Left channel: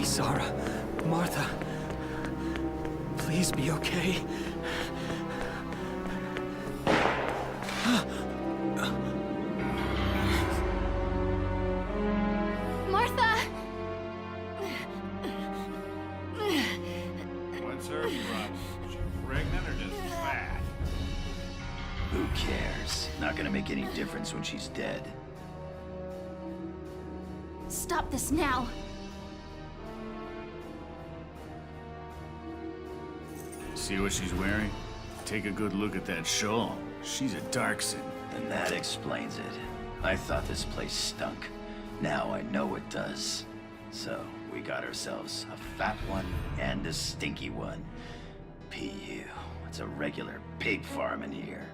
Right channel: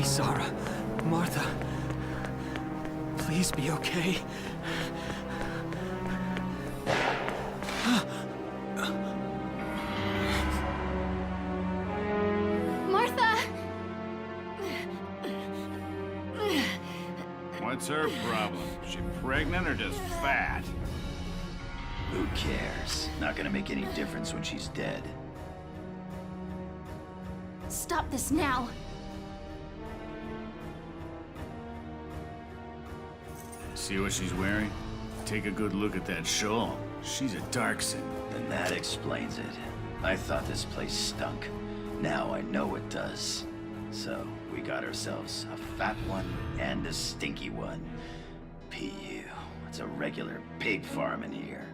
Isara, Martha, please be okay. Martha! What's her problem? Is she pregnant or just fat? Who cares? Not gonna make any difference when she's dead. Stop this now! See what she's wearing? Take a good look at that shawl. She's a Darkson. Then that explains it. I thought this place stunk. Now I know it does. So, we got ourselves a fat one and a stinky one. PU. It's a regular pig farm in here.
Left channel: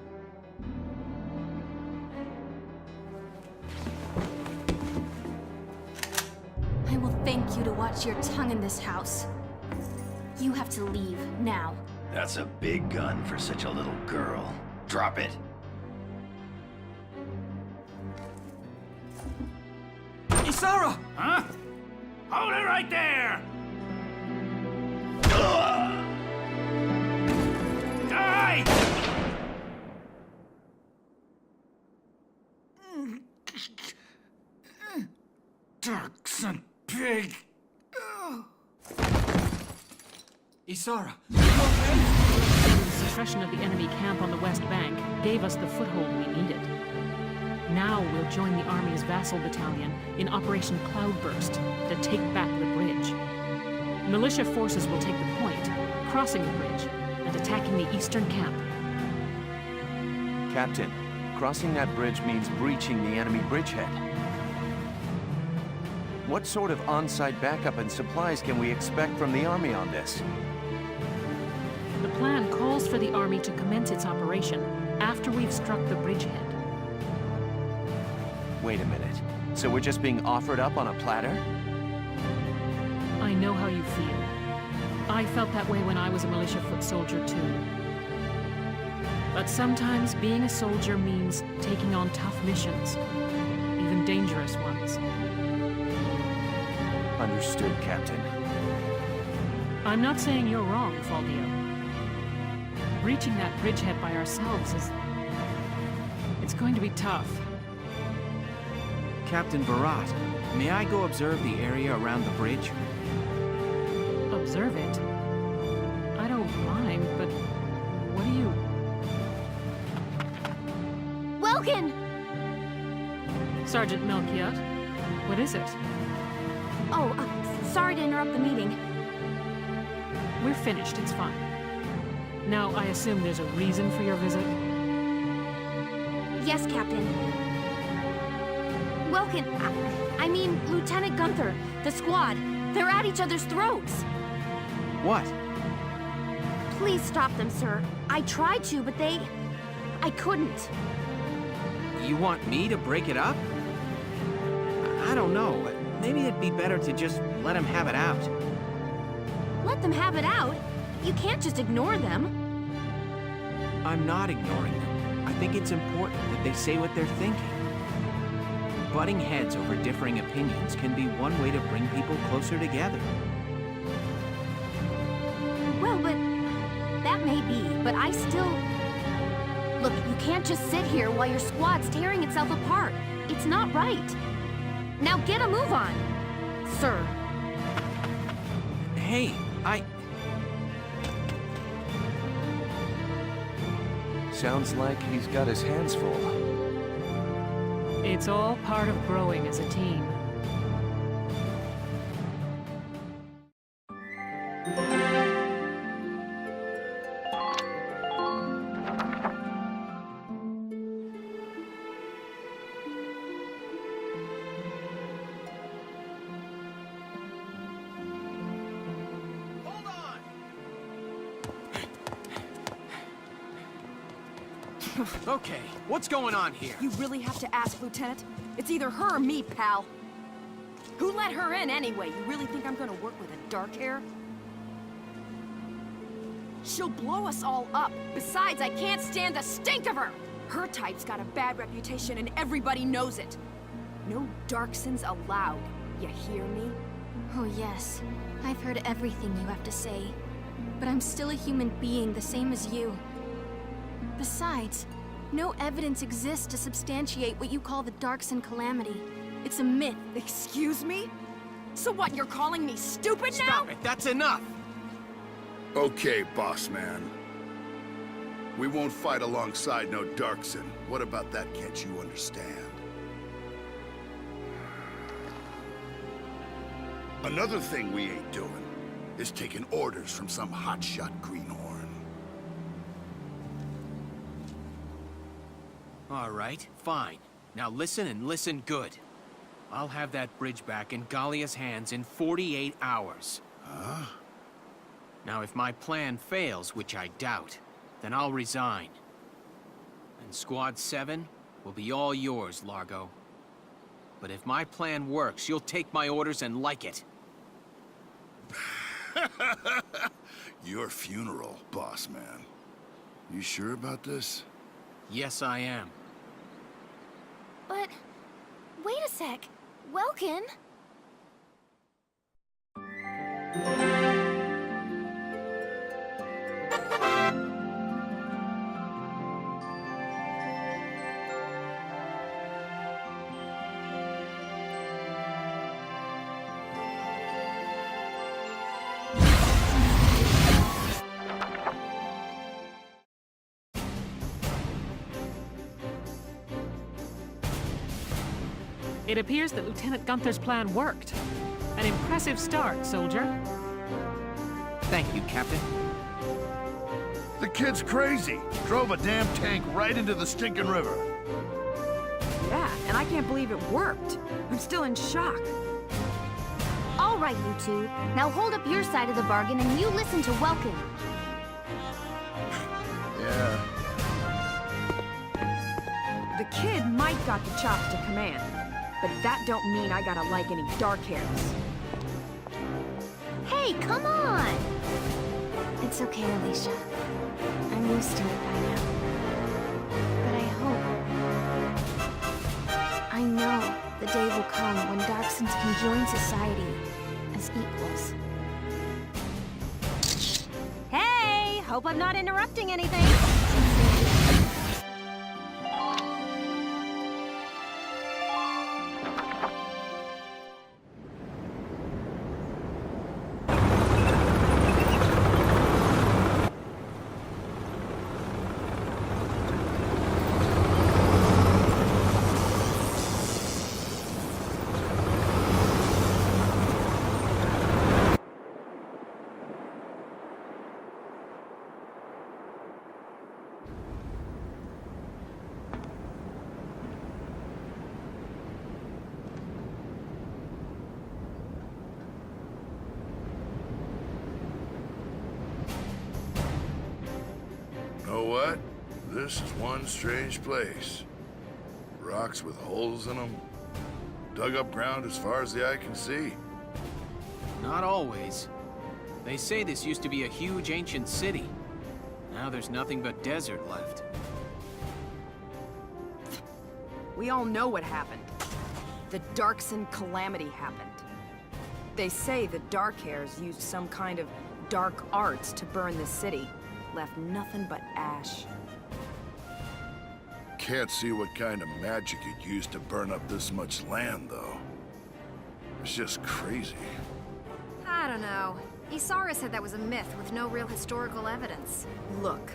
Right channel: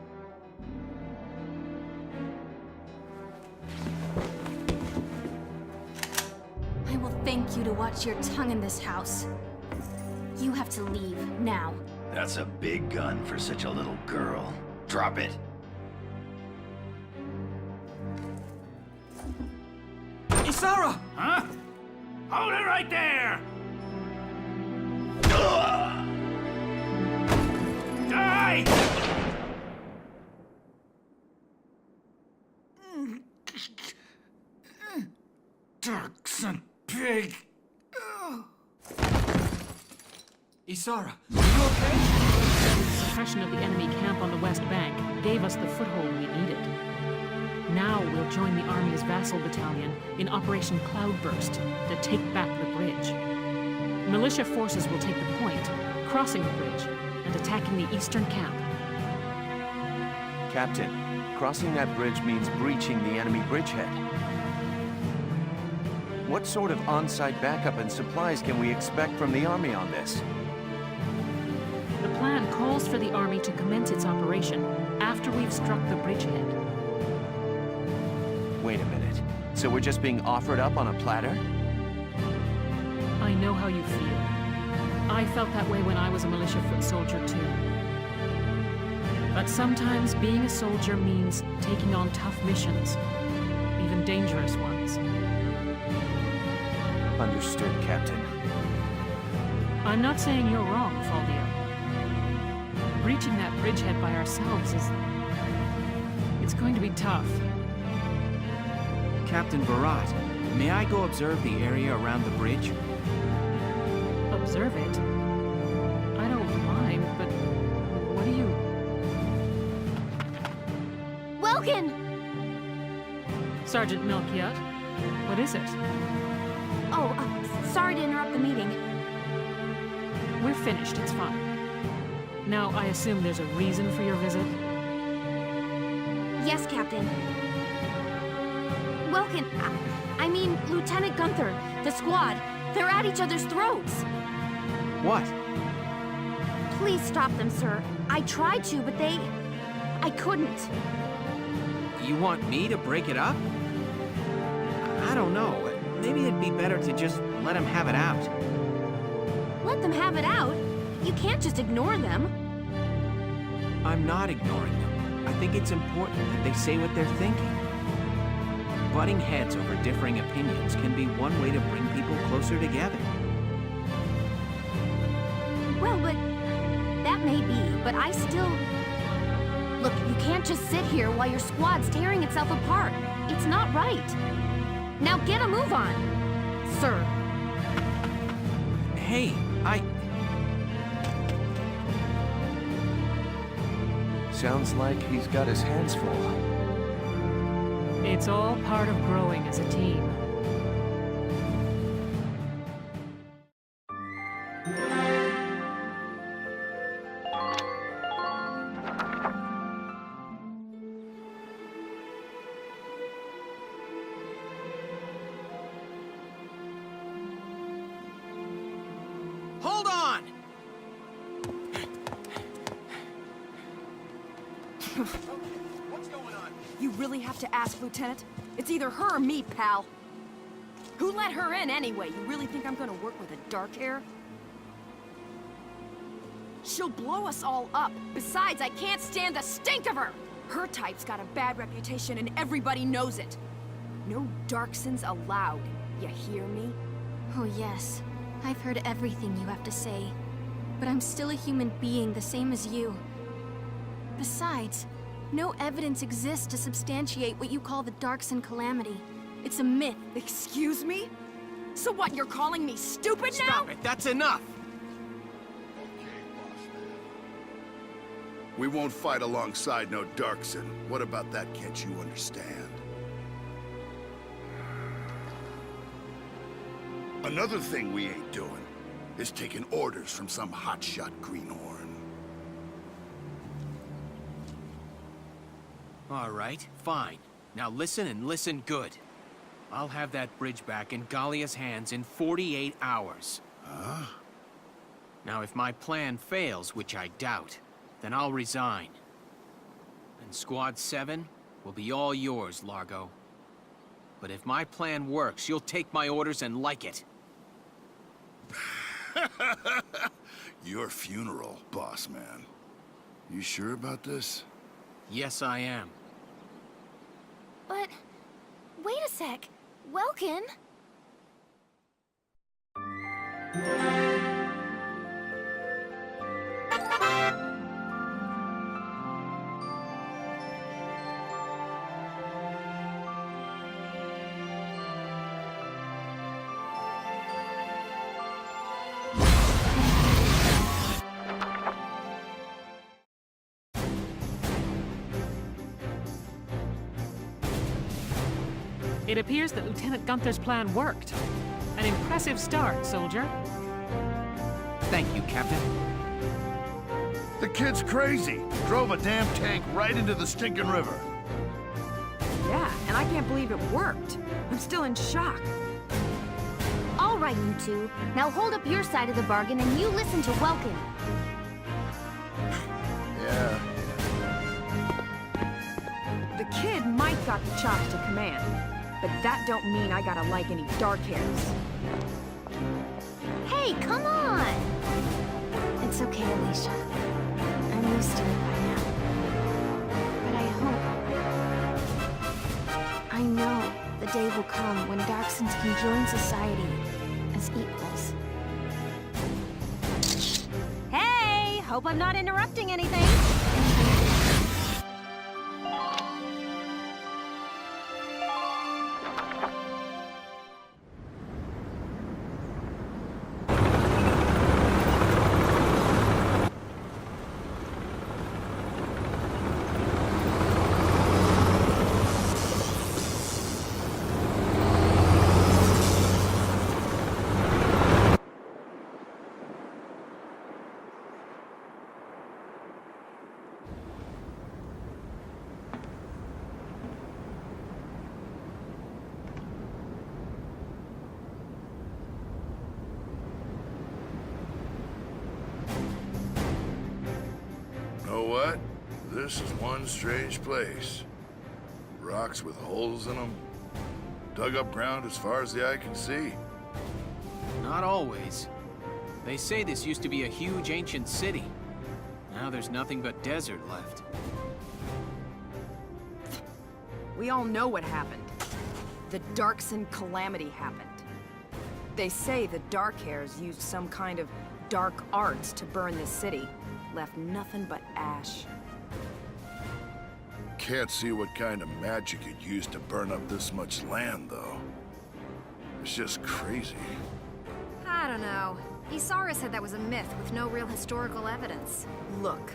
I will thank you to watch your tongue in this house. You have to leave, now. That's a big gun for such a little girl. Drop it. Isara! Huh? Hold it right there! Die! Darkson pig! Isara, are you okay? The suppression of the enemy camp on the West Bank gave us the foothold we needed. Now we'll join the Army's vassal battalion in Operation Cloudburst to take back the bridge. Militia forces will take the point, crossing the bridge, and attacking the eastern camp. Captain, crossing that bridge means breaching the enemy bridgehead. What sort of on-site backup and supplies can we expect from the Army on this? The plan calls for the Army to commence its operation after we've struck the bridgehead. Wait a minute. So we're just being offered up on a platter? I know how you feel. I felt that way when I was a militia foot soldier too. But sometimes being a soldier means taking on tough missions, even dangerous ones. Understood, Captain. I'm not saying you're wrong, Faldio. Breaching that bridgehead by ourselves is... it's going to be tough. Captain Barat, may I go observe the area around the bridge? Observe it? I don't mind, but what do you... Welkin! Sergeant Melchiot, what is it? Oh, sorry to interrupt the meeting. We're finished, it's fine. Now, I assume there's a reason for your visit? Yes, Captain. Welkin, I mean, Lieutenant Gunther, the squad, they're at each other's throats. What? Please stop them, sir. I tried to, but I couldn't. You want me to break it up? I don't know. Maybe it'd be better to just let them have it out. Let them have it out? You can't just ignore them. I'm not ignoring them. I think it's important that they say what they're thinking. Butting heads over differing opinions can be one way to bring people closer together. Well, but... that may be, but I still... Look, you can't just sit here while your squad's tearing itself apart. It's not right. Now get a move on, sir. Hey, Sounds like he's got his hands full. It's all part of growing as a team. Hold on! Okay, what's going on here? You really have to ask, Lieutenant? It's either her or me, pal. Who let her in anyway? You really think I'm gonna work with a dark hair? She'll blow us all up. Besides, I can't stand the stink of her! Her type's got a bad reputation and everybody knows it. No Darksons allowed. You hear me? Oh yes, I've heard everything you have to say, but I'm still a human being the same as you. Besides, no evidence exists to substantiate what you call the Darkson calamity. It's a myth. Excuse me? So what, you're calling me stupid now? Stop it, that's enough! Okay, boss man. We won't fight alongside no Darkson. What about that can't you understand? Another thing we ain't doing is taking orders from some hotshot greenhorn. All right, fine. Now listen and listen good. I'll have that bridge back in Galia's hands in 48 hours. Huh? Now, if my plan fails, which I doubt, then I'll resign. And Squad 7 will be all yours, Largo. But if my plan works, you'll take my orders and like it. Your funeral, boss man. You sure about this? Yes, I am. But... wait a sec. Welkin? It appears that Lieutenant Gunther's plan worked. An impressive start, soldier. Thank you, Captain. The kid's crazy. Drove a damn tank right into the stinking river. Yeah, and I can't believe it worked. I'm still in shock. All right, you two. Now hold up your side of the bargain and you listen to Welkin. Yeah. The kid might got the chops to command, but that don't mean I gotta like any dark hairs. Hey, come on! It's okay, Alicia. I'm used to it by now. But I hope... I know the day will come when Darksons can join society as equals. Hey! Hope I'm not interrupting anything. Know what? This is one strange place. Rocks with holes in them. Dug up ground as far as the eye can see. Not always. They say this used to be a huge ancient city. Now there's nothing but desert left. We all know what happened. The Darkson calamity happened. They say the Darkhairs used some kind of dark arts to burn the city. Left nothing but ash. Can't see what kind of magic you'd use to burn up this much land, though. It's just crazy. I don't know. Isara said that was a myth with no real historical evidence. Look,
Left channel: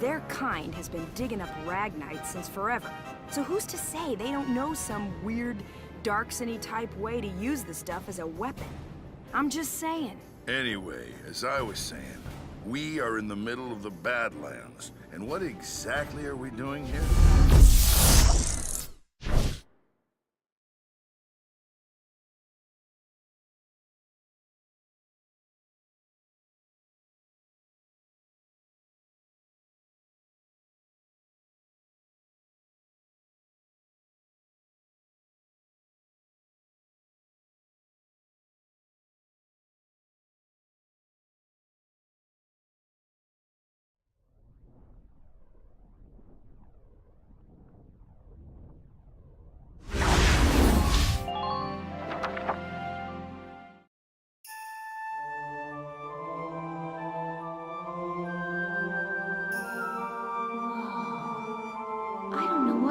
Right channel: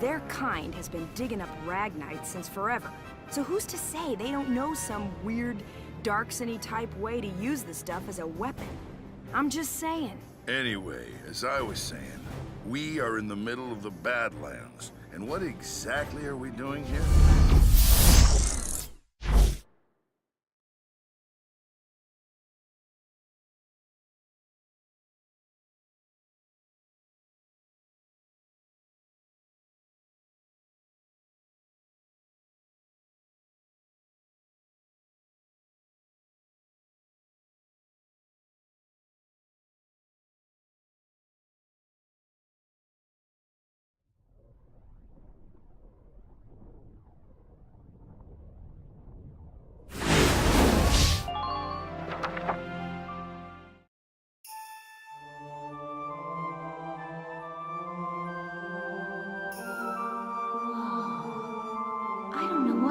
their kind has been digging up Ragnite since forever. So who's to say they don't know some weird, Darksony type way to use the stuff as a weapon? I'm just saying. Anyway, as I was saying, we are in the middle of the Badlands. And what exactly are we doing here?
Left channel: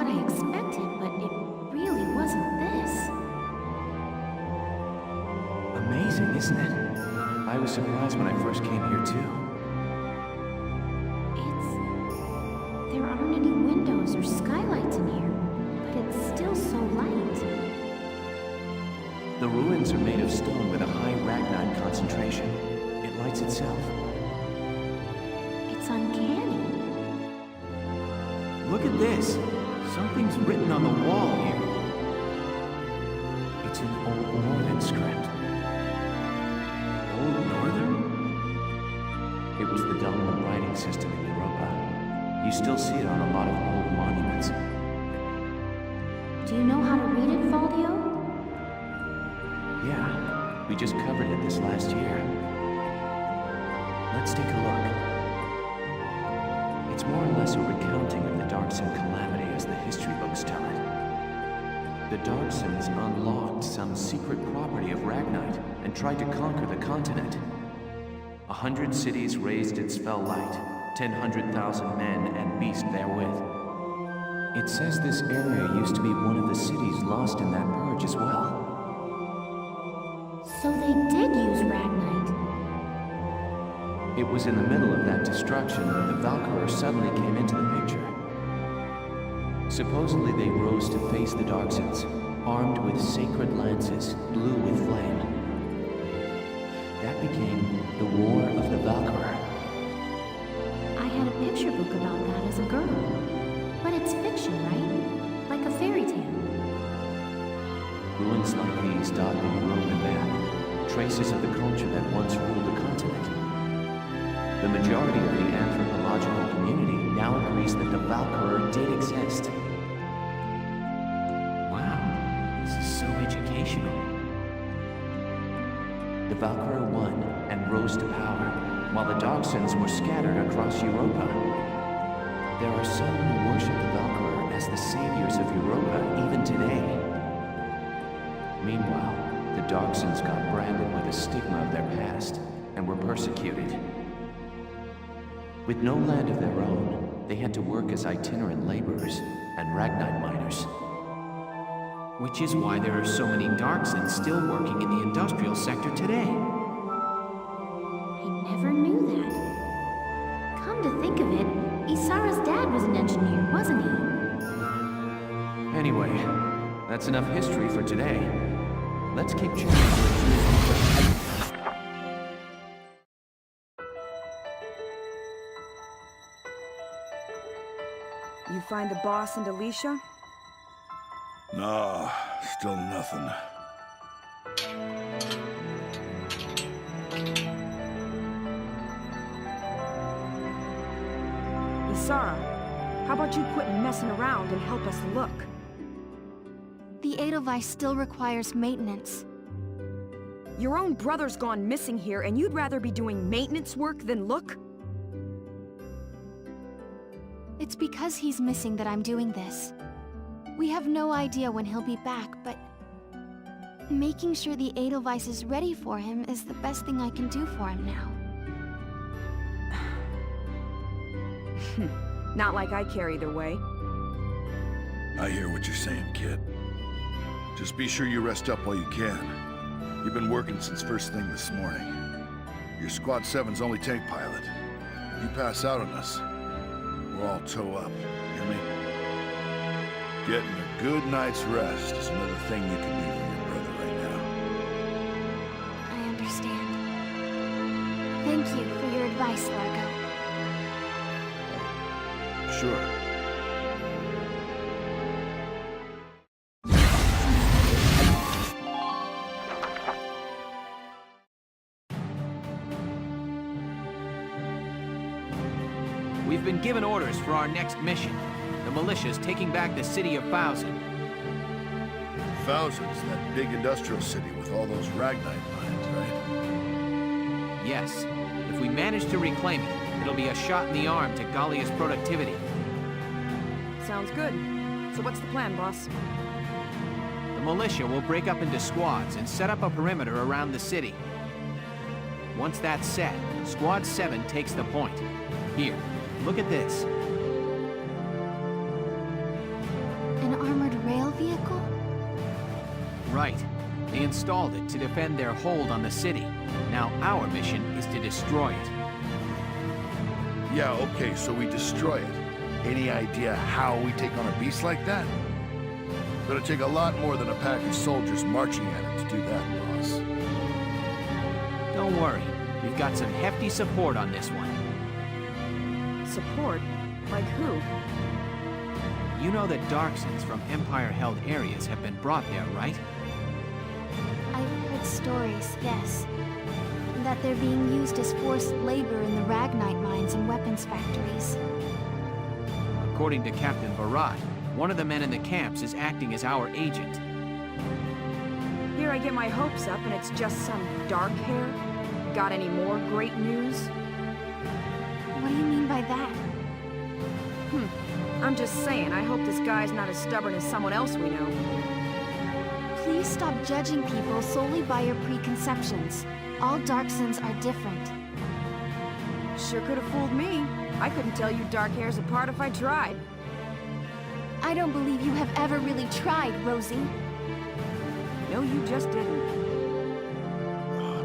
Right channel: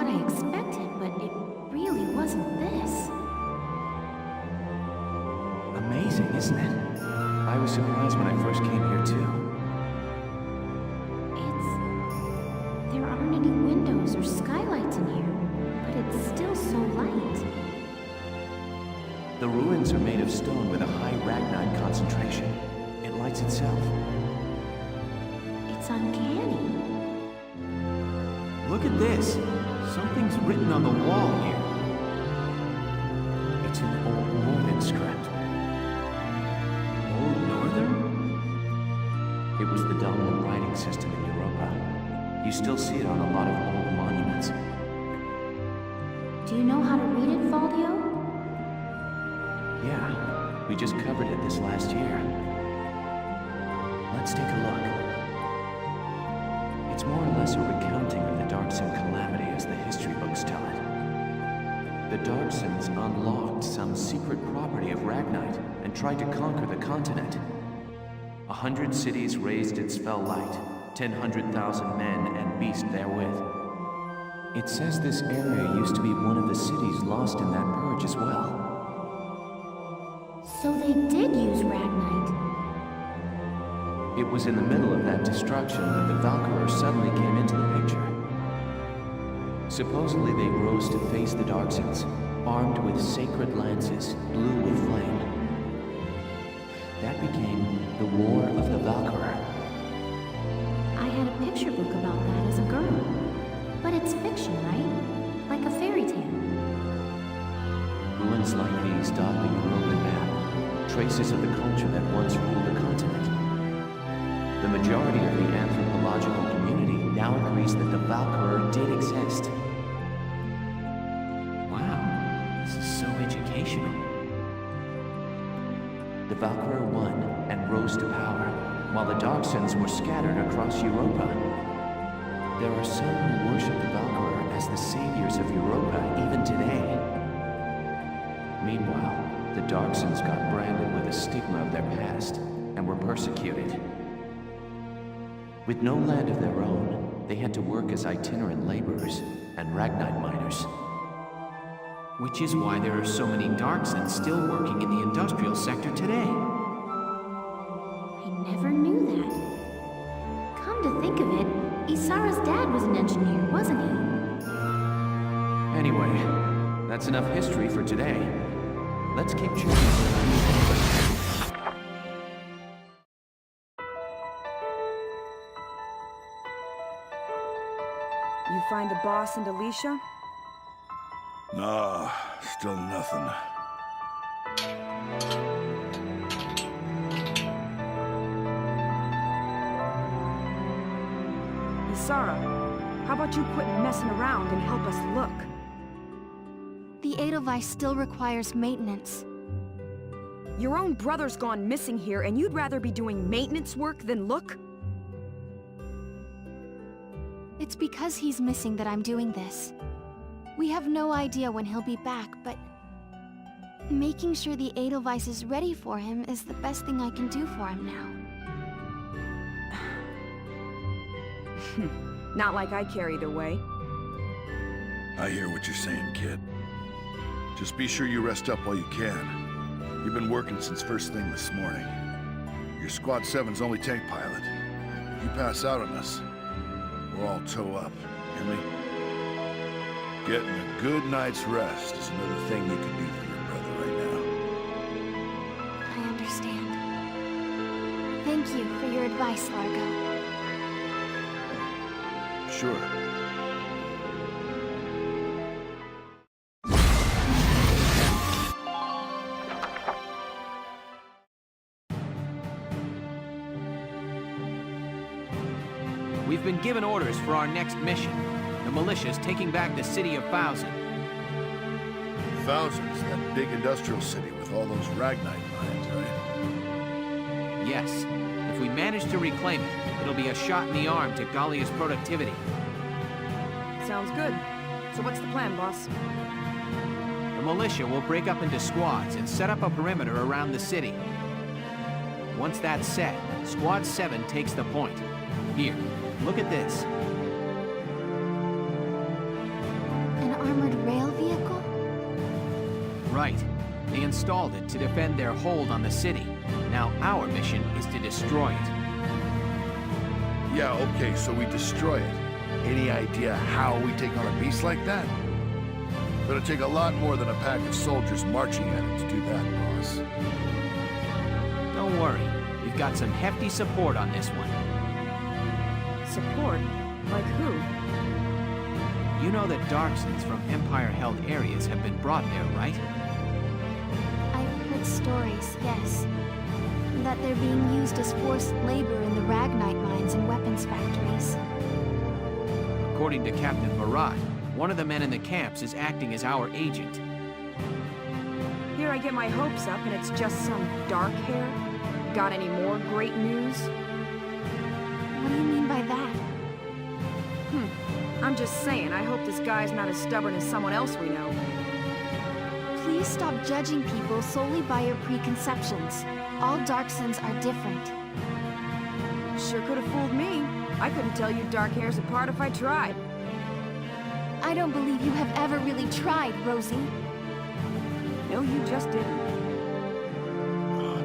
what I expected, but it really wasn't this. Amazing, isn't it? I was surprised when I first came here, too. There aren't any windows or skylights in here, but it's still so light. The ruins are made of stone with a high ragnite concentration. It lights itself. It's uncanny. Look at this. Something's written on the wall here. It's in Old Northern script. Old Northern? It was the dominant writing system in Europa. You still see it on a lot of old monuments. Do you know how to read it, Faldio? Yeah, we just covered it this last year. Let's take a look. It's more or less a recounting of the Darkson calamity as the history books tell it. The Darksons unlocked some secret property of Ragnite and tried to conquer the continent. 100 cities raised its fell light, 100,000 men and beasts therewith. It says this area used to be one of the cities lost in that purge as well. So they did use Ragnite. It was in the middle of that destruction that the Valkyria suddenly came into the picture. Supposedly they rose to face the Darksons, armed with sacred lances, blue with flame. That became the War of the Valkyria. I had a picture book about that as a girl. But it's fiction, right? Like a fairy tale. Ruins like these dot the European map, traces of the culture that once ruled the continent. The majority of the anthropological community now agrees that the Valkyria did exist. Wow, this is so educational. The Valkyria won and rose to power, while the Darksons were scattered across Europa. There are some who worship the Valkyria as the saviors of Europa even today. Meanwhile, the Darksons got branded with the stigma of their past and were persecuted. With no land of their own, they had to work as itinerant laborers and Ragnite miners. Which is why there are so many Darksons still working in the industrial sector today. I never knew that. Come to think of it, Isara's dad was an engineer, wasn't he? Anyway, that's enough history for today. Let's keep checking for a few. You find the boss and Alicia? Nah, still nothing. Isara, how about you quit messing around and help us look? The Edelweiss still requires maintenance. Your own brother's gone missing here, and you'd rather be doing maintenance work than look? It's because he's missing that I'm doing this. We have no idea when he'll be back, but making sure the Edelweiss is ready for him is the best thing I can do for him now. Not like I care either way. I hear what you're saying, kid. Just be sure you rest up while you can. You've been working since first thing this morning. You're Squad 7's only tank pilot. If you pass out on us, we're all toe up. Hear me? Getting a good night's rest is another thing you can do for your brother right now. I understand. Thank you for your advice, Largo. Sure. We've been given orders for our next mission. The militia's taking back the city of Thousand. Thousands, that big industrial city with all those Ragnite mines, right? Yes. If we manage to reclaim it, it'll be a shot in the arm to Gallia's productivity. Sounds good. So what's the plan, boss? The militia will break up into squads and set up a perimeter around the city. Once that's set, Squad 7 takes the point. Here, look at this. armored rail vehicle? Right. They installed it to defend their hold on the city. Now our mission is to destroy it. Yeah, okay, so we destroy it. Any idea how we take on a beast like that? Gonna take a lot more than a pack of soldiers marching at it to do that, boss. Don't worry. We've got some hefty support on this one. Support? Like who? You know that Darksons from Empire-held areas have been brought there, right? I've heard stories, yes. That they're being used as forced labor in the Ragnite mines and weapons factories. According to Captain Virat, one of the men in the camps is acting as our agent. Here I get my hopes up and it's just some dark hair? Got any more great news? What do you mean by that? I'm just saying, I hope this guy's not as stubborn as someone else we know. Please stop judging people solely by your preconceptions. All Darksons are different. Sure could have fooled me. I couldn't tell you dark hairs apart if I tried. I don't believe you have ever really tried, Rosie. No, you just didn't.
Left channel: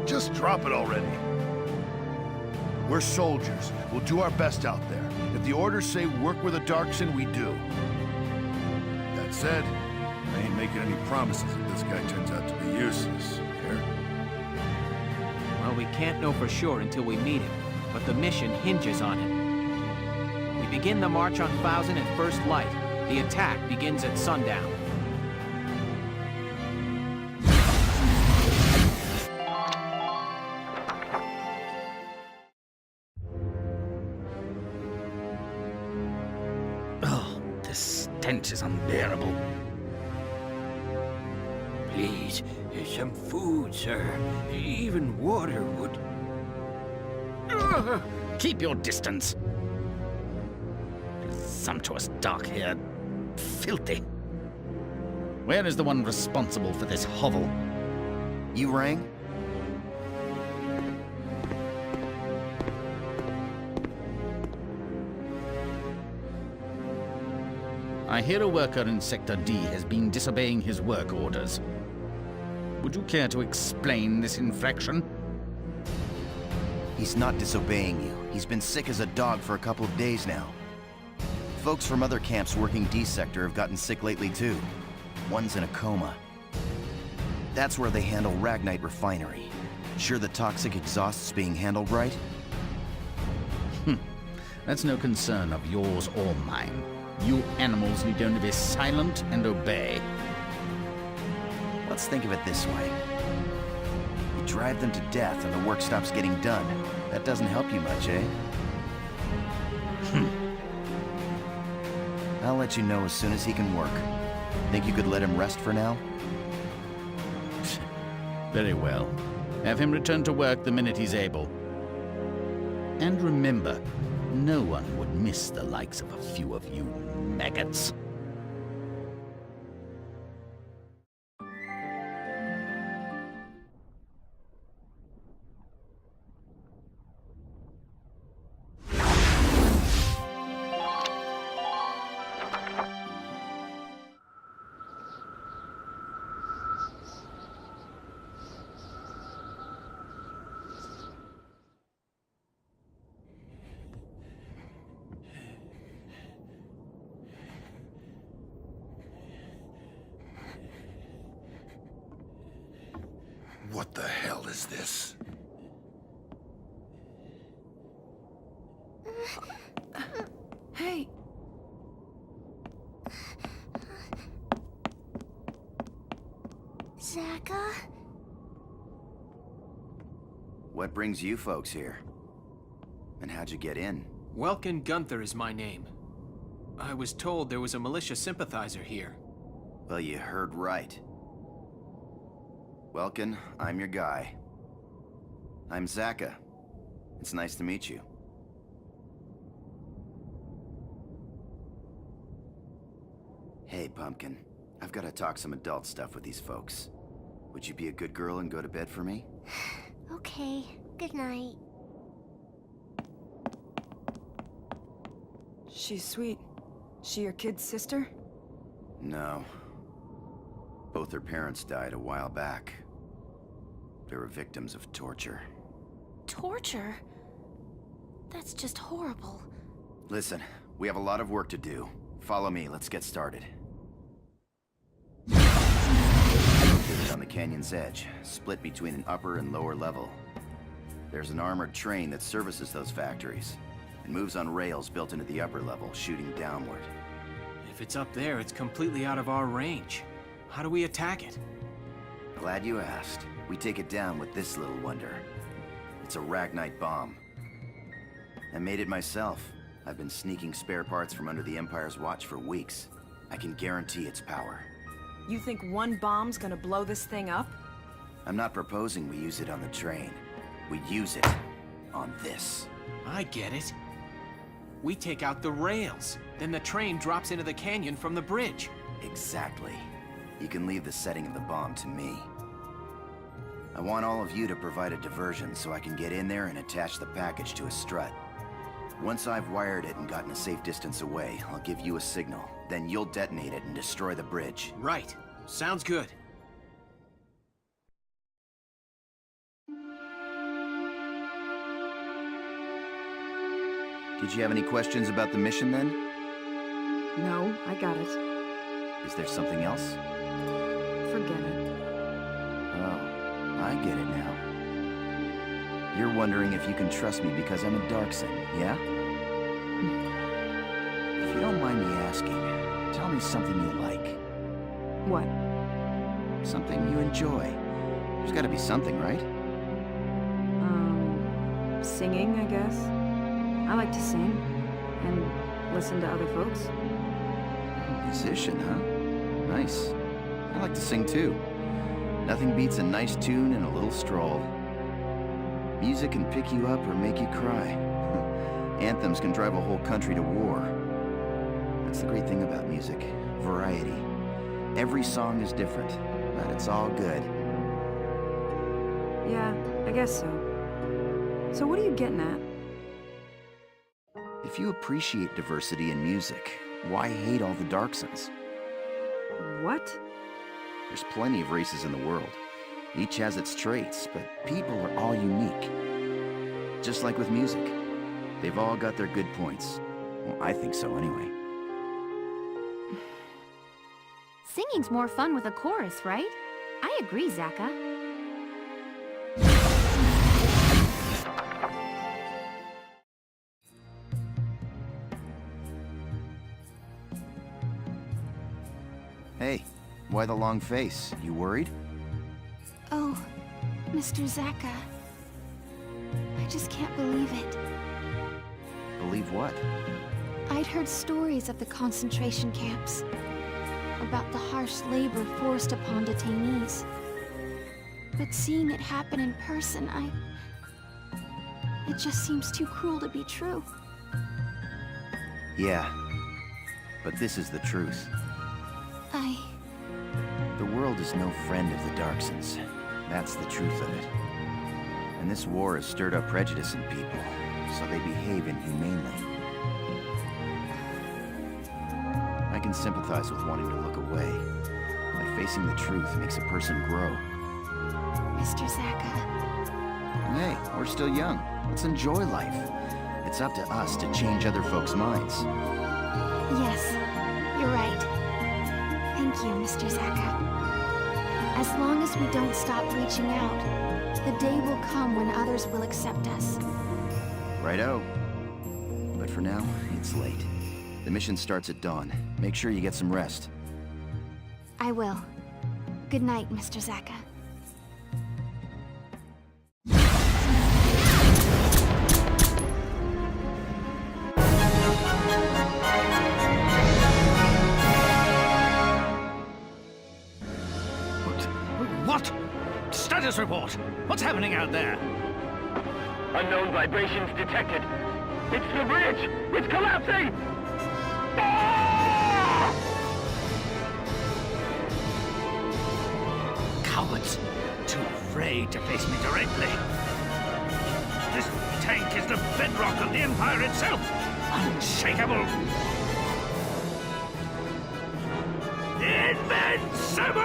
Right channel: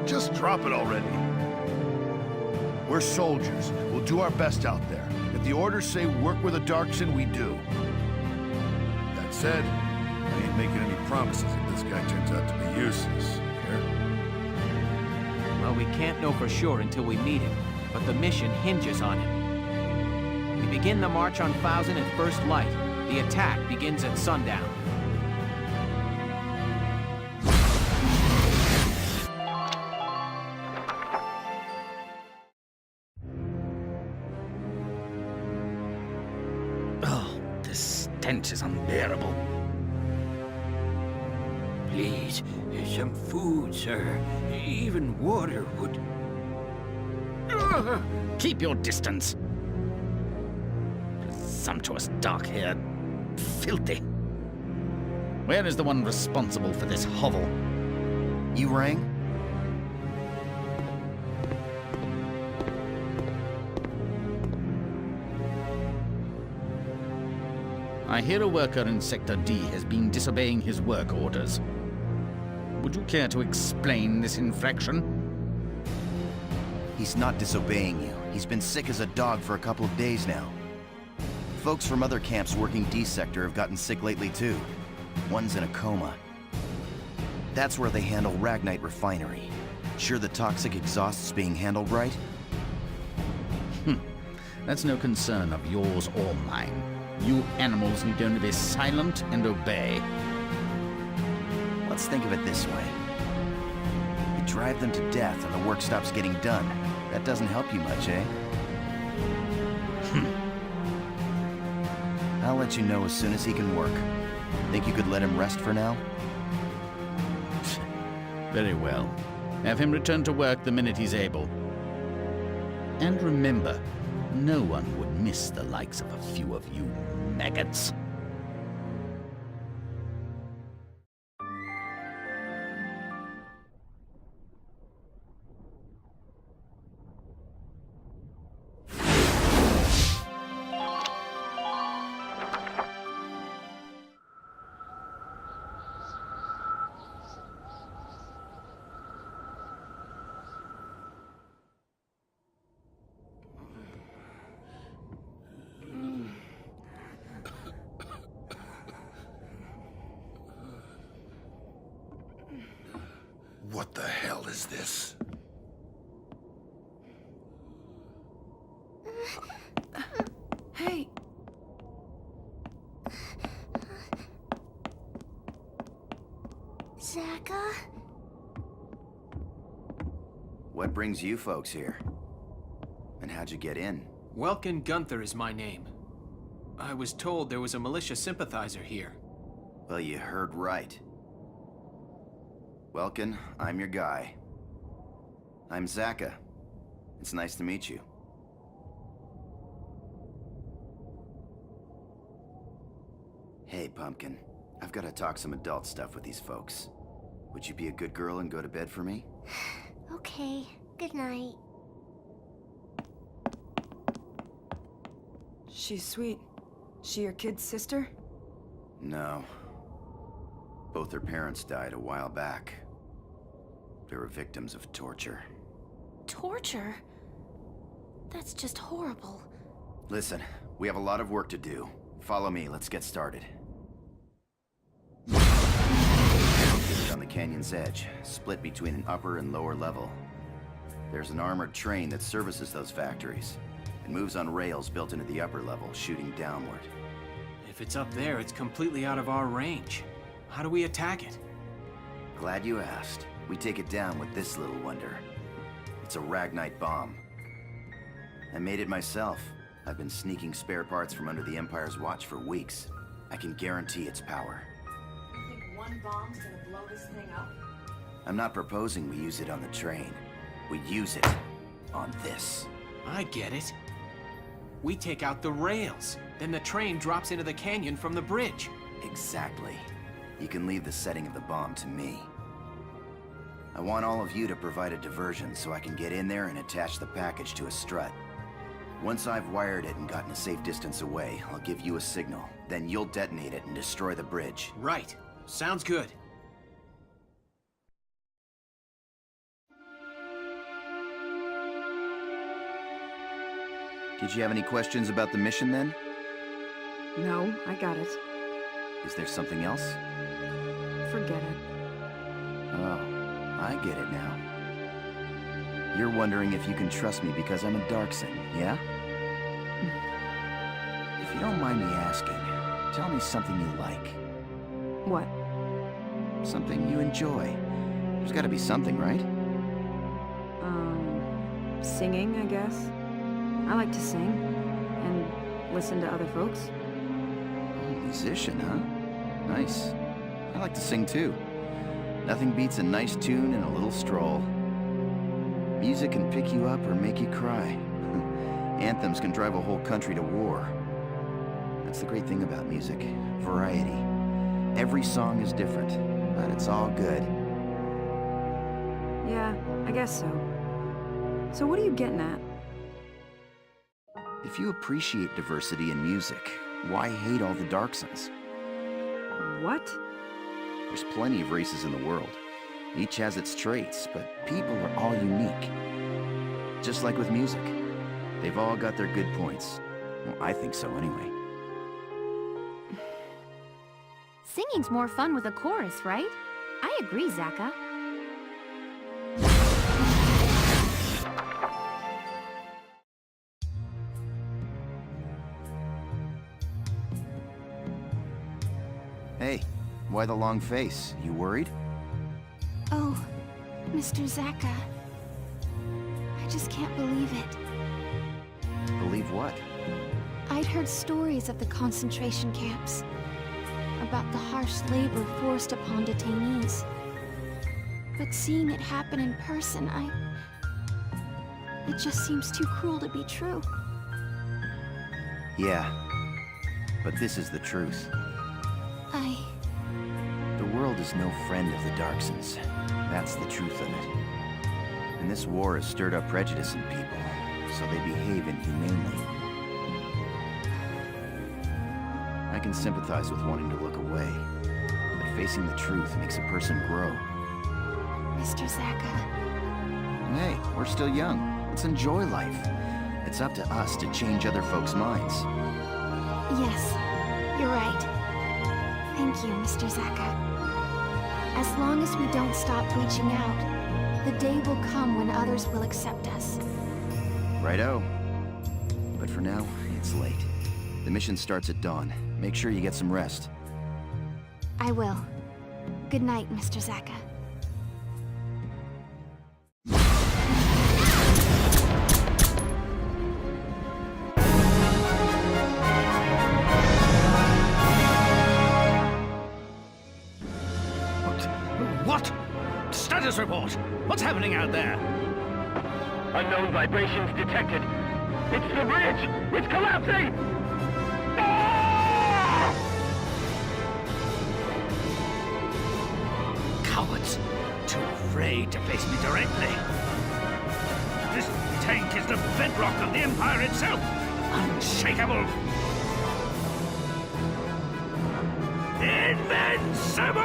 Just drop it already. We're soldiers. We'll do our best out there. If the orders say work with a Darkson, we do. That said, I ain't making any promises if this guy turns out to be useless. Here? Well, we can't know for sure until we meet him, but the mission hinges on him. We begin the march on Thousand at first light. The attack begins at sundown. Oh, the stench is unbearable. Please, some food, sir. Even water would... Ugh! Keep your distance. Presumptuous dark-haired... filthy. Where is the one responsible for this hovel? You rang? I hear a worker in Sector D has been disobeying his work orders. Would you care to explain this infraction? He's not disobeying you. He's been sick as a dog for a couple of days now. Folks from other camps working D Sector have gotten sick lately too. One's in a coma. That's where they handle Ragnite Refinery. Sure the toxic exhaust's being handled right? That's no concern of yours or mine. You animals need only be silent and obey. Let's think of it this way. You drive them to death and the work stops getting done. That doesn't help you much, eh? I'll let you know as soon as he can work. Think you could let him rest for now? Very well. Have him return to work the minute he's able. And remember, no one would miss the likes of a few of you maggots. What the hell is this? Hey! Zaka? What brings you folks here? And how'd you get in? Welkin Gunther is my name. I was told there was a militia sympathizer here. Well, you heard right. Welkin, I'm your guy. I'm Zaka. It's nice to meet you. Hey, Pumpkin. I've got to talk some adult stuff with these folks. Would you be a good girl and go to bed for me? Okay, good night. She's sweet. She your kid's sister? No. Both their parents died a while back. They were victims of torture. Torture? That's just horrible. Listen, we have a lot of work to do. Follow me, let's get started. Located on the canyon's edge, split between an upper and lower level. There's an armored train that services those factories. It moves on rails built into the upper level, shooting downward. If it's up there, it's completely out of our range. How do we attack it? Glad you asked. We take it down with this little wonder. It's a Ragnite bomb. I made it myself. I've been sneaking spare parts from under the Empire's watch for weeks. I can guarantee its power. You think one bomb's gonna blow this thing up? I'm not proposing we use it on the train. We use it on this. I get it. We take out the rails. Then the train drops into the canyon from the bridge. Exactly. You can leave the setting of the bomb to me. I want all of you to provide a diversion so I can get in there and attach the package to a strut. Once I've wired it and gotten a safe distance away, I'll give you a signal. Then you'll detonate it and destroy the bridge. Right. Sounds good. Did you have any questions about the mission then? No, I got it. Is there something else? Forget it. Oh, I get it now. You're wondering if you can trust me because I'm a Darkson, yeah? If you don't mind me asking, tell me something you like. What? Something you enjoy. There's gotta be something, right? Singing, I guess. I like to sing. And listen to other folks. Musician, huh? Nice. I like to sing too. Nothing beats a nice tune and a little stroll. Music can pick you up or make you cry. Anthems can drive a whole country to war. That's the great thing about music. Variety. Every song is different, but it's all good. Yeah, I guess so. So what are you getting at? If you appreciate diversity in music, why hate all the Darksons? What? There's plenty of races in the world. Each has its traits, but people are all unique. Just like with music. They've all got their good points. Well, I think so anyway. Singing's more fun with a chorus, right? I agree, Zaka. Hey, why the long face? You worried? Oh, Mr. Zaka. I just can't believe it. Believe what? I'd heard stories of the concentration camps. About the harsh labor forced upon detainees. But seeing it happen in person, it just seems too cruel to be true. Yeah, but this is the truth. The world is no friend of the Darksons. That's the truth of it. And this war has stirred up prejudice in people, so they behave inhumanely. I can sympathize with wanting to look away, but facing the truth makes a person grow. Mr. Zaka. Hey, we're still young. Let's enjoy life. It's up to us to change other folks' minds. Yes, you're right. Thank you, Mr. Zaka. As long as we don't stop reaching out, the day will come when others will accept us. Righto. But for now, it's late. The mission starts at dawn. Make sure you get some rest. I will. Good night, Mr. Zaka. What? Status report! What's happening out there? Unknown vibrations detected. It's the bridge! It's collapsing! Ah! Cowards! Too afraid to face me directly. This tank is the bedrock of the Empire itself! Unshakable! Invincible!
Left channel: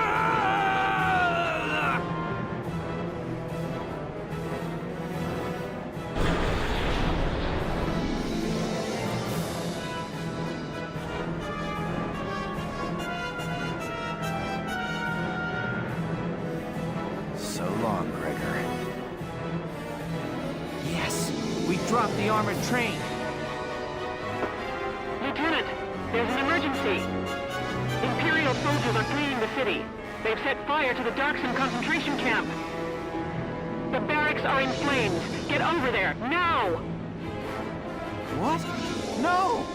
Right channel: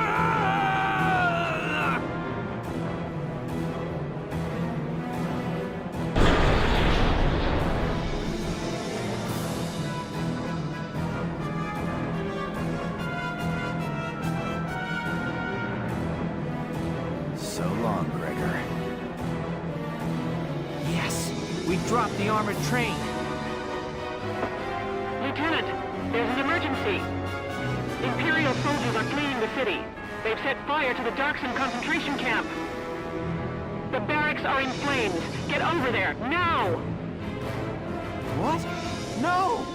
So long, Gregor. Yes, we dropped the armored train. Lieutenant, there's an emergency. Imperial soldiers are fleeing the city. They've set fire to the Darkson concentration camp. The barracks are in flames. Get over there, now! What? No!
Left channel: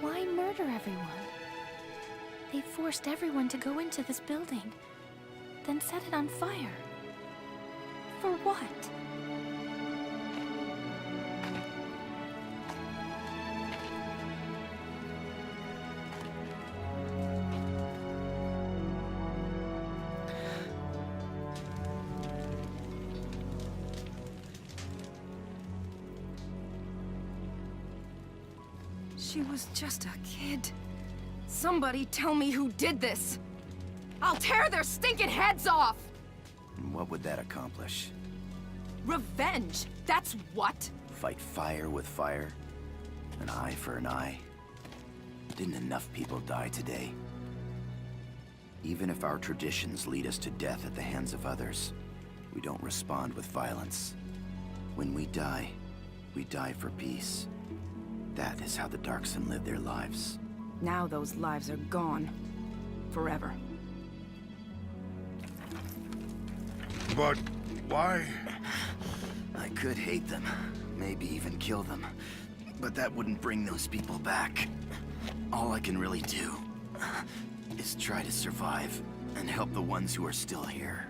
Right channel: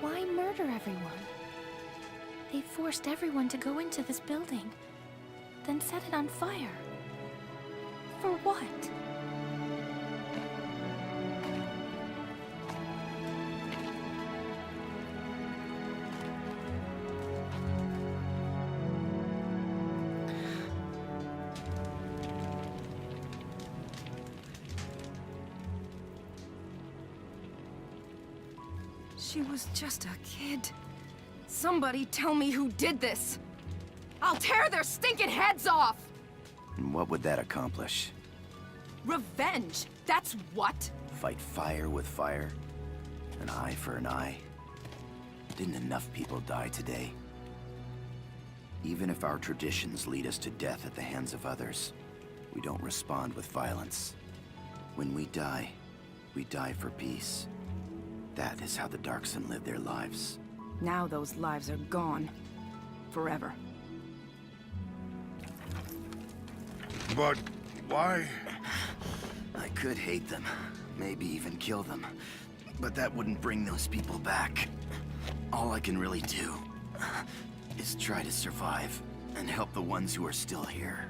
Why murder everyone? They forced everyone to go into this building, then set it on fire. For what? She was just a kid. Somebody tell me who did this! I'll tear their stinking heads off! And what would that accomplish? Revenge! That's what? Fight fire with fire? An eye for an eye? Didn't enough people die today? Even if our traditions lead us to death at the hands of others, we don't respond with violence. When we die for peace. That is how the Darkson live their lives. Now those lives are gone. Forever. But why? I could hate them, maybe even kill them. But that wouldn't bring those people back. All I can really do is try to survive and help the ones who are still here.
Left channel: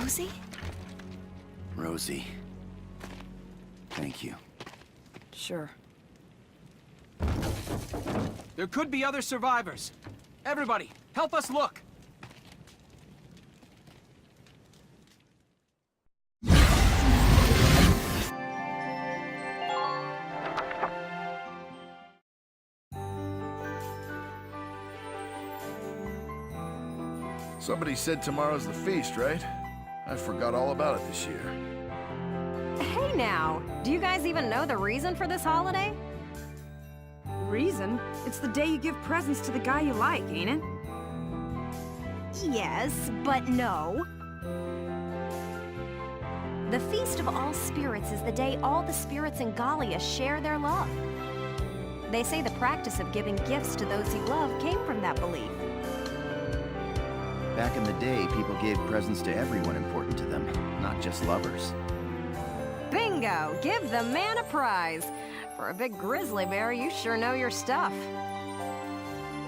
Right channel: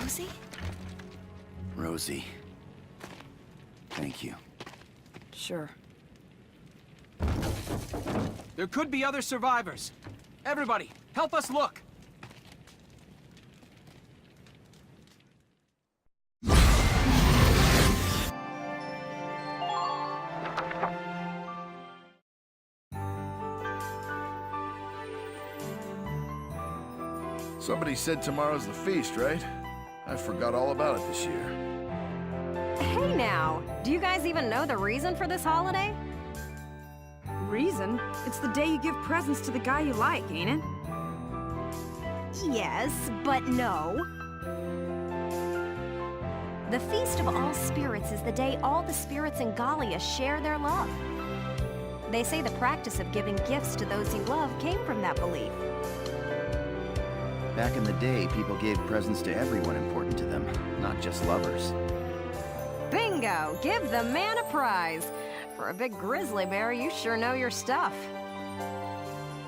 Rosie? Rosie. Thank you. Sure. There could be other survivors. Everybody, help us look! Somebody said tomorrow's the feast, right? I forgot all about it this year. Hey now, do you guys even know the reason for this holiday? Reason? It's the day you give presents to the guy you like, ain't it? Yes, but no. The Feast of All Spirits is the day all the spirits in Gallia share their love. They say the practice of giving gifts to those you love came from that belief. Back in the day, people gave presents to everyone important to them, not just lovers. Bingo! Give the man a prize! For a big grizzly bear, you sure know your stuff.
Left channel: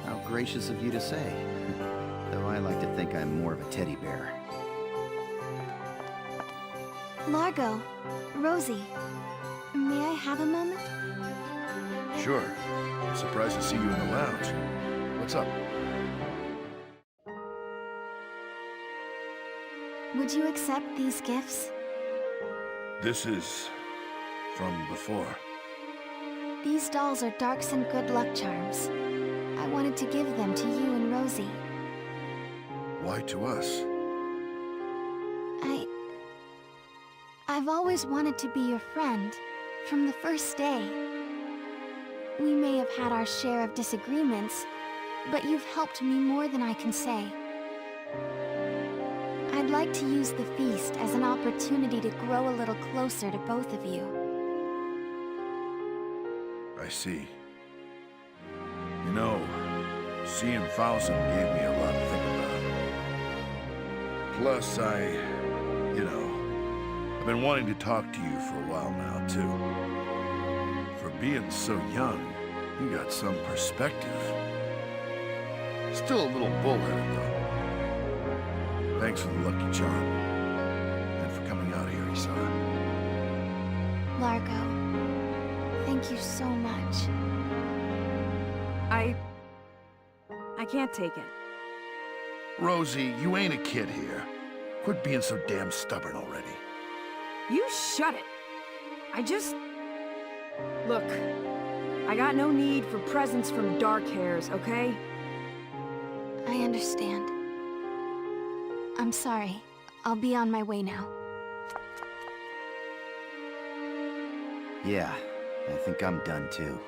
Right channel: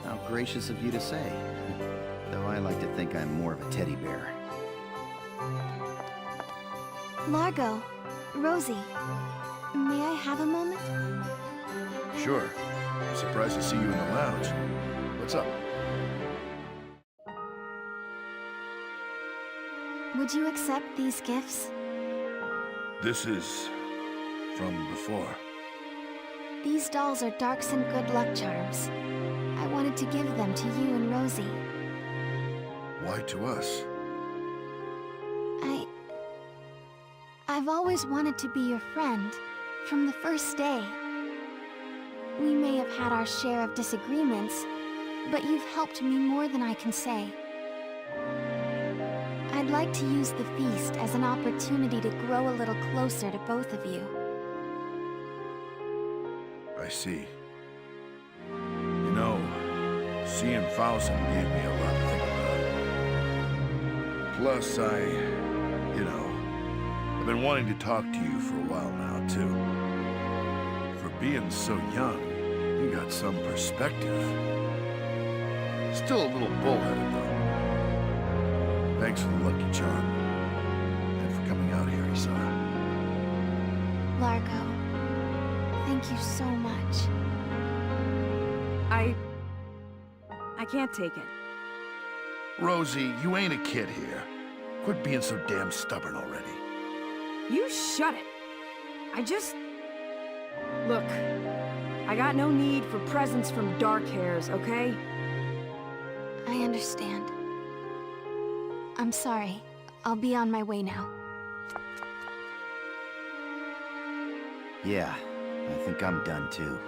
How gracious of you to say. Though I like to think I'm more of a teddy bear. Largo, Rosie, may I have a moment? Sure. I'm surprised to see you in the lounge. What's up? Would you accept these gifts? This is from before. These dolls are Darkson good luck charms. I wanted to give them to you and Rosie. Why to us? I've always wanted to be your friend, from the first day. We may have had our share of disagreements, but you've helped me more than I can say. I'd like to use the feast as an opportunity to grow a little closer to both of you. I see. You know, seeing Fausen gave me a lot to think about. Plus, I've been wanting to talk to you for a while now, too. For being so young, you got some perspective. Still a little bullheaded, though. Thanks for the lucky charm. And for coming out here, Isara. Largo, thank you so much. I can't take it. Rosie, you ain't a kid here. Quit being so damn stubborn already. You shut it. Look, I got no need for presents from dark hairs, okay? I understand. I'm sorry. I'll be on my way now. Yeah, I think I'm done too.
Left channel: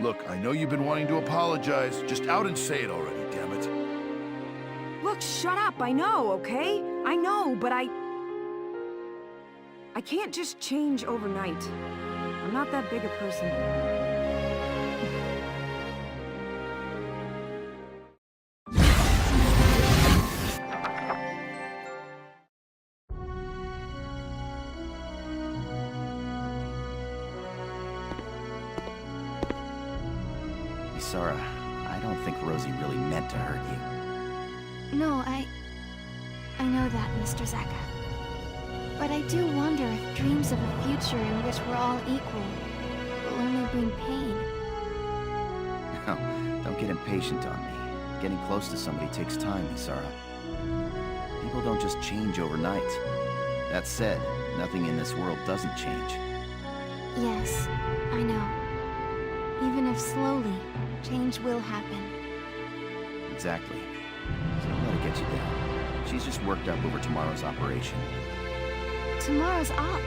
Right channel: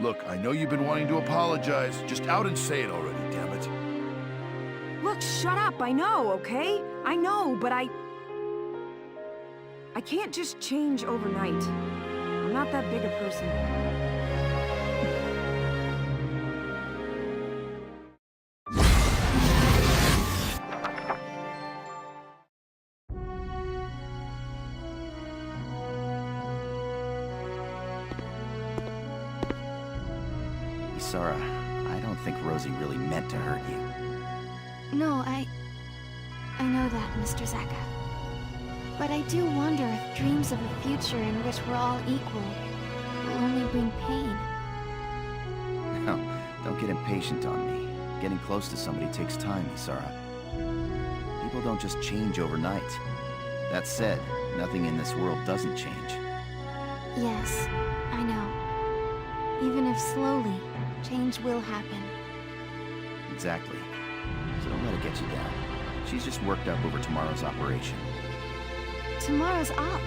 Look, I know you've been wanting to apologize. Just out and say it already, damn it. Look, shut up, I know, okay? I know, but I can't just change overnight. I'm not that big a person. Isara, I don't think Rosie really meant to hurt you. No, I know that, Mr. Zaka. But I do wonder if dreams of a future in which we're all equal will only bring pain. No, don't get impatient on me. Getting close to somebody takes time, Isara. People don't just change overnight. That said, nothing in this world doesn't change. Yes, I know. Even if slowly, change will happen. Exactly. So don't let it get you down. She's just worked up over tomorrow's operation. Tomorrow's op.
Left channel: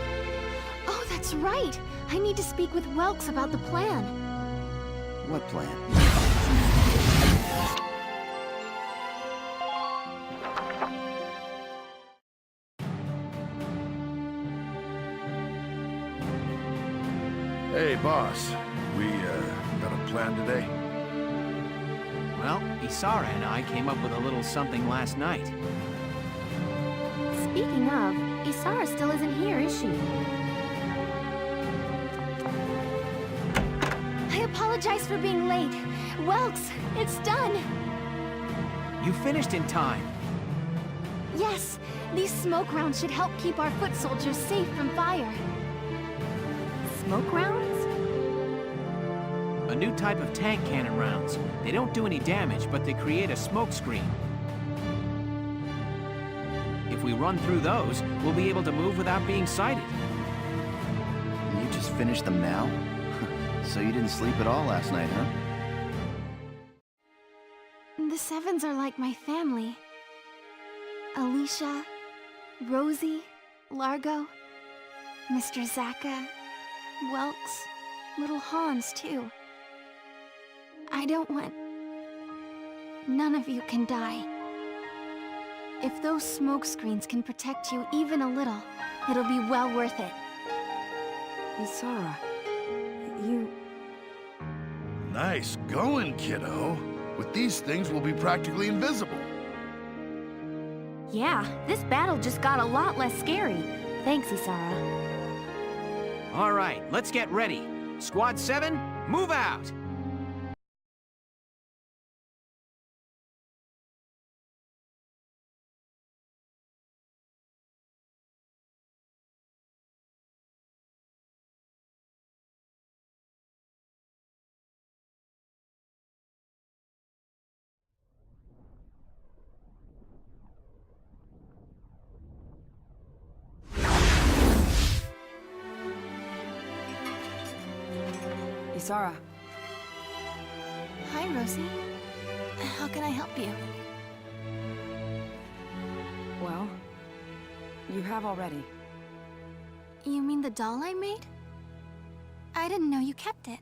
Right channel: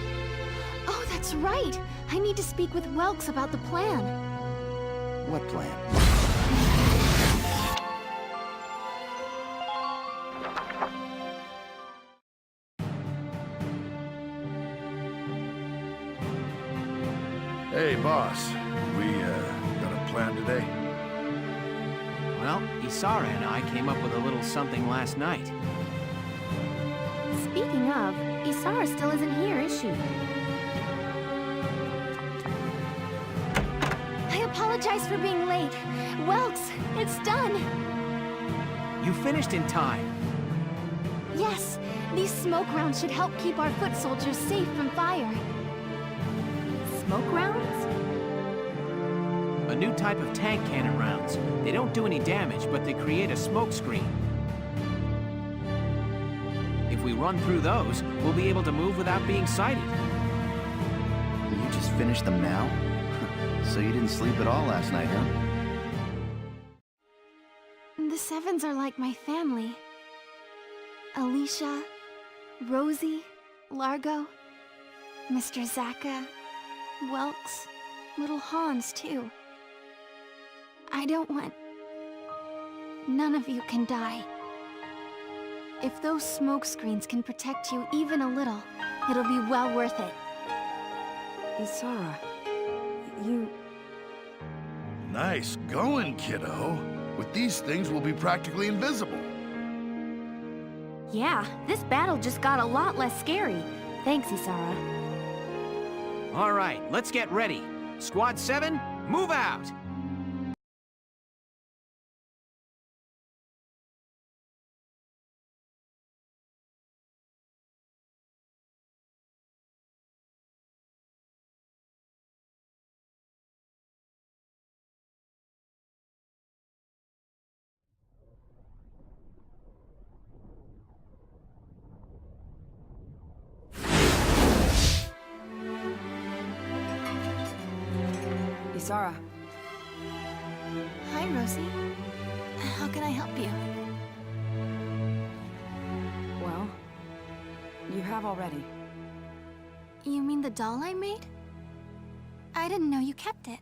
Oh, that's right! I need to speak with Welks about the plan. What plan? Hey, boss. We, got a plan today? Well, Isara and I came up with a little something last night. Speaking of, Isara still isn't here, is she? I apologize for being late. Welks, it's done! You finished in time. Yes, these smoke rounds should help keep our foot soldiers safe from fire. Smoke rounds? A new type of tank cannon rounds. They don't do any damage, but they create a smoke screen. If we run through those, we'll be able to move without being sighted. And you just finished them now? So you didn't sleep at all last night, huh? The Sevens are like my family. Alicia, Rosie, Largo, Mr. Zaka, Welks, little Hans, too. I don't want... None of you can die. If those smoke screens can protect you even a little, it'll be well worth it. Isara, you... Nice going, kiddo. With these things, we'll be practically invisible. Yeah, this battle just got a lot less scary. Thanks, Isara. All right, let's get ready. Squad 7, move out! Isara. Hi, Rosie. How can I help you? Well, you have already. You mean the doll I made? I didn't know you kept it.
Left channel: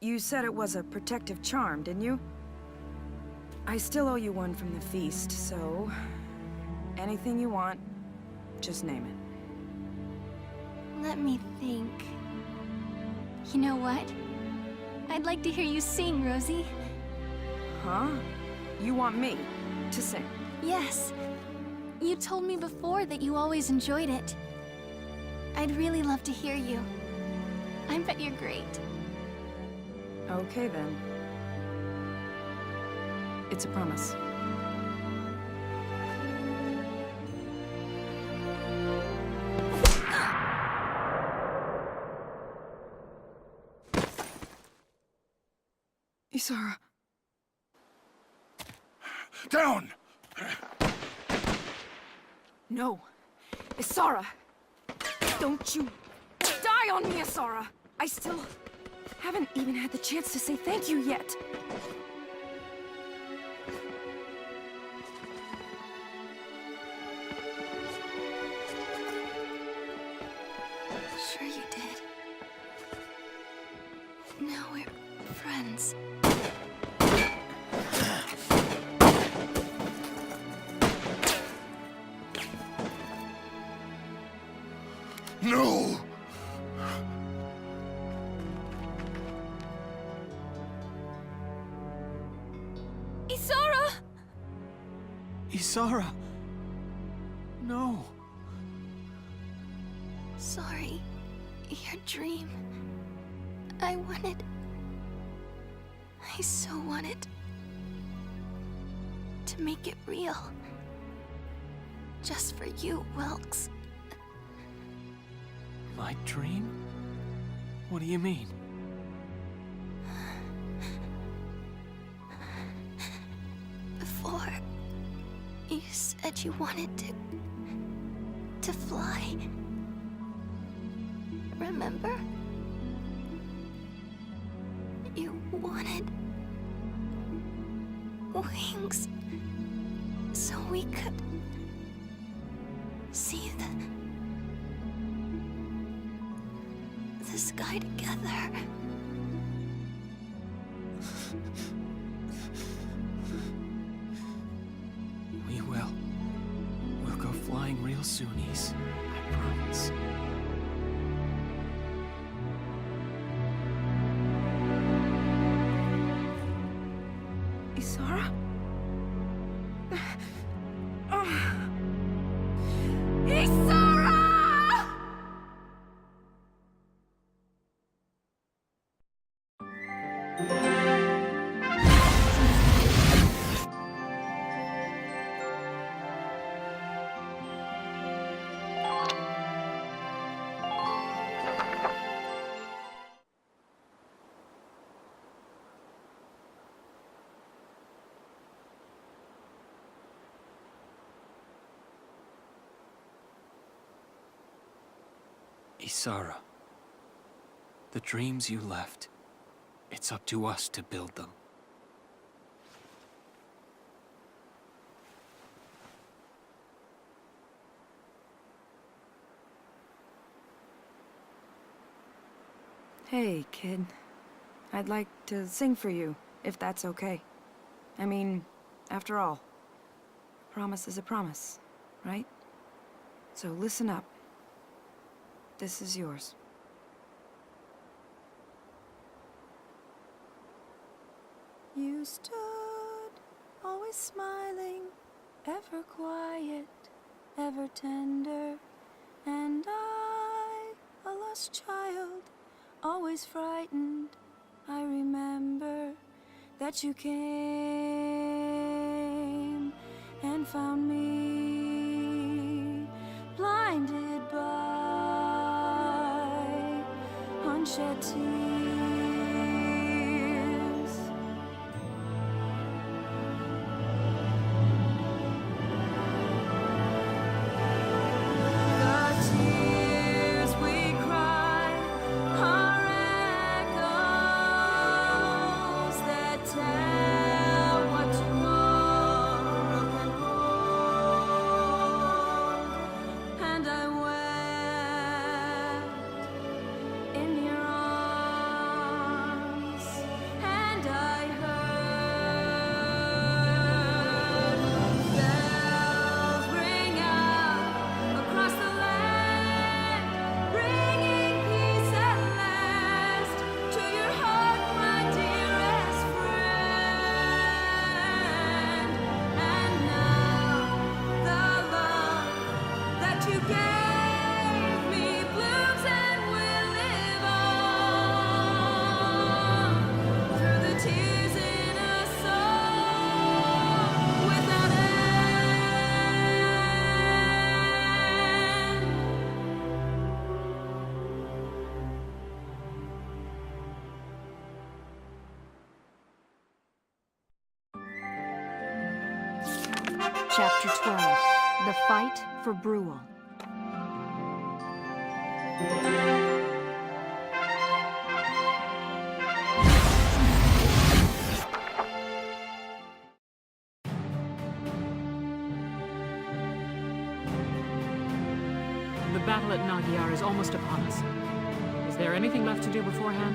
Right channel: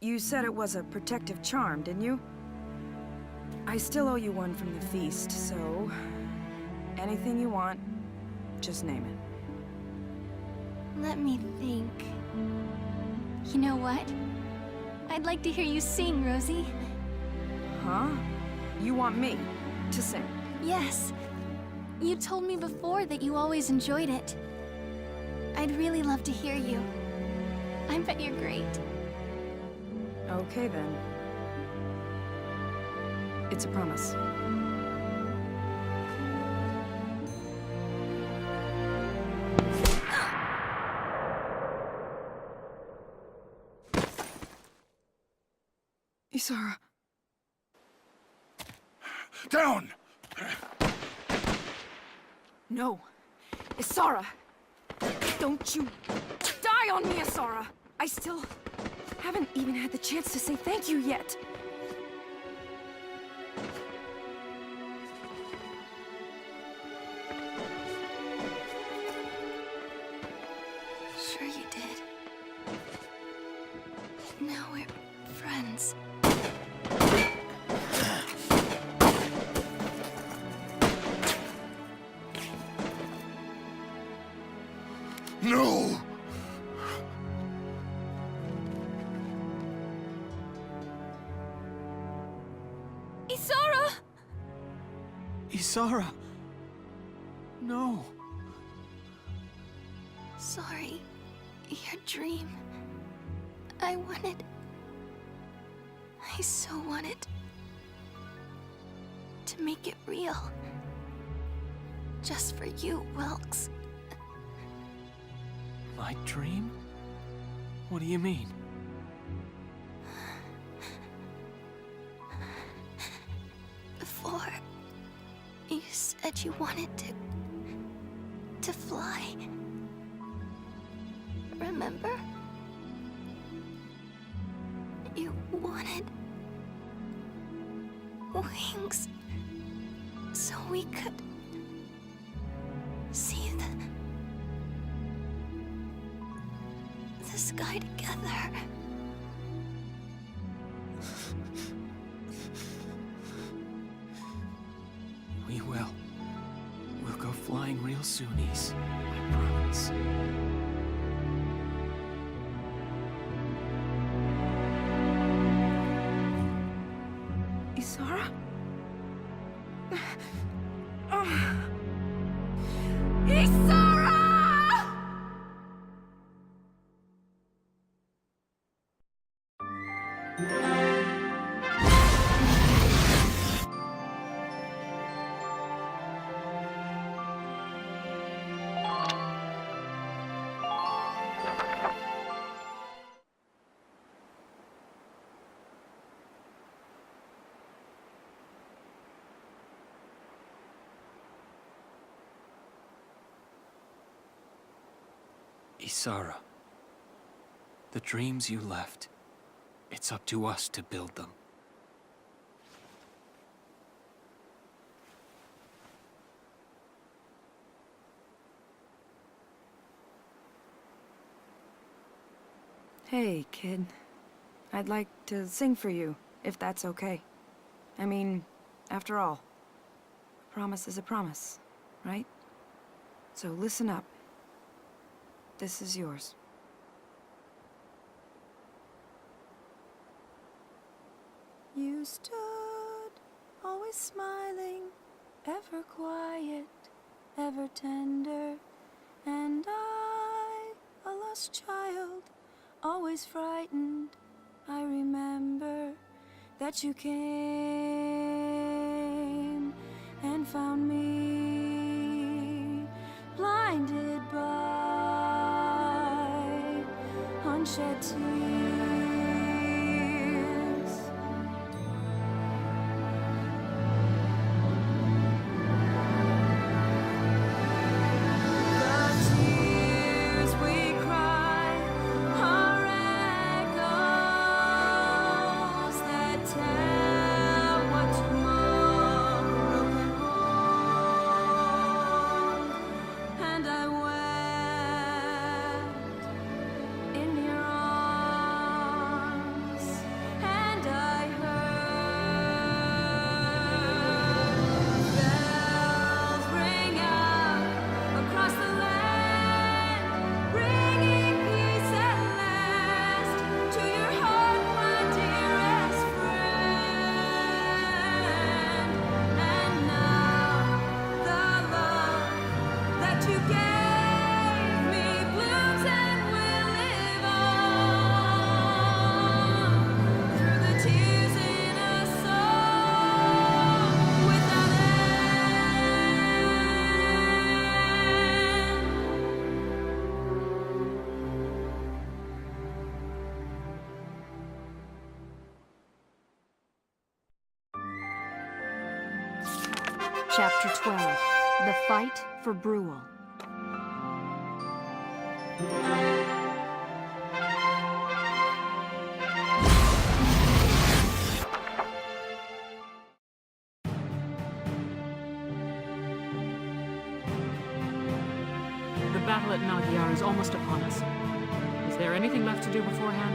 You said it was a protective charm, didn't you? I still owe you one from the feast, so... anything you want, just name it. Let me think. You know what? I'd like to hear you sing, Rosie. Huh? You want me to sing? Yes. You told me before that you always enjoyed it. I'd really love to hear you. I bet you're great. Okay, then. It's a promise. Isara. Down! No. Isara! Don't you die on me, Isara! I still haven't even had the chance to say thank you yet. Sure you did. Now we're friends. No! Isara! Isara! No. Sorry. Your dream. I so wanted to make it real. Just for you, Wilkes. My dream? What do you mean? Before, you said you wanted to fly. Remember? You wanted wings so we could see the sky together. We will. We'll go flying real soon, Ys. I promise. Isara? Isara! Isara. The dreams you left, it's up to us to build them. Hey, kid. I'd like to sing for you, if that's okay. I mean, after all, a promise is a promise, right? So listen up. This is yours. You stood, always smiling, ever quiet, ever tender, and I, a lost child, always frightened. I remember that you came and found me, blinded by unshed tears. The tears we cry are echoes that tell what tomorrow can hold, and I wept in your arms, and I heard Chapter 12. The Fight for Brule. The battle at Nagyar is almost upon us. Is there anything left to do beforehand?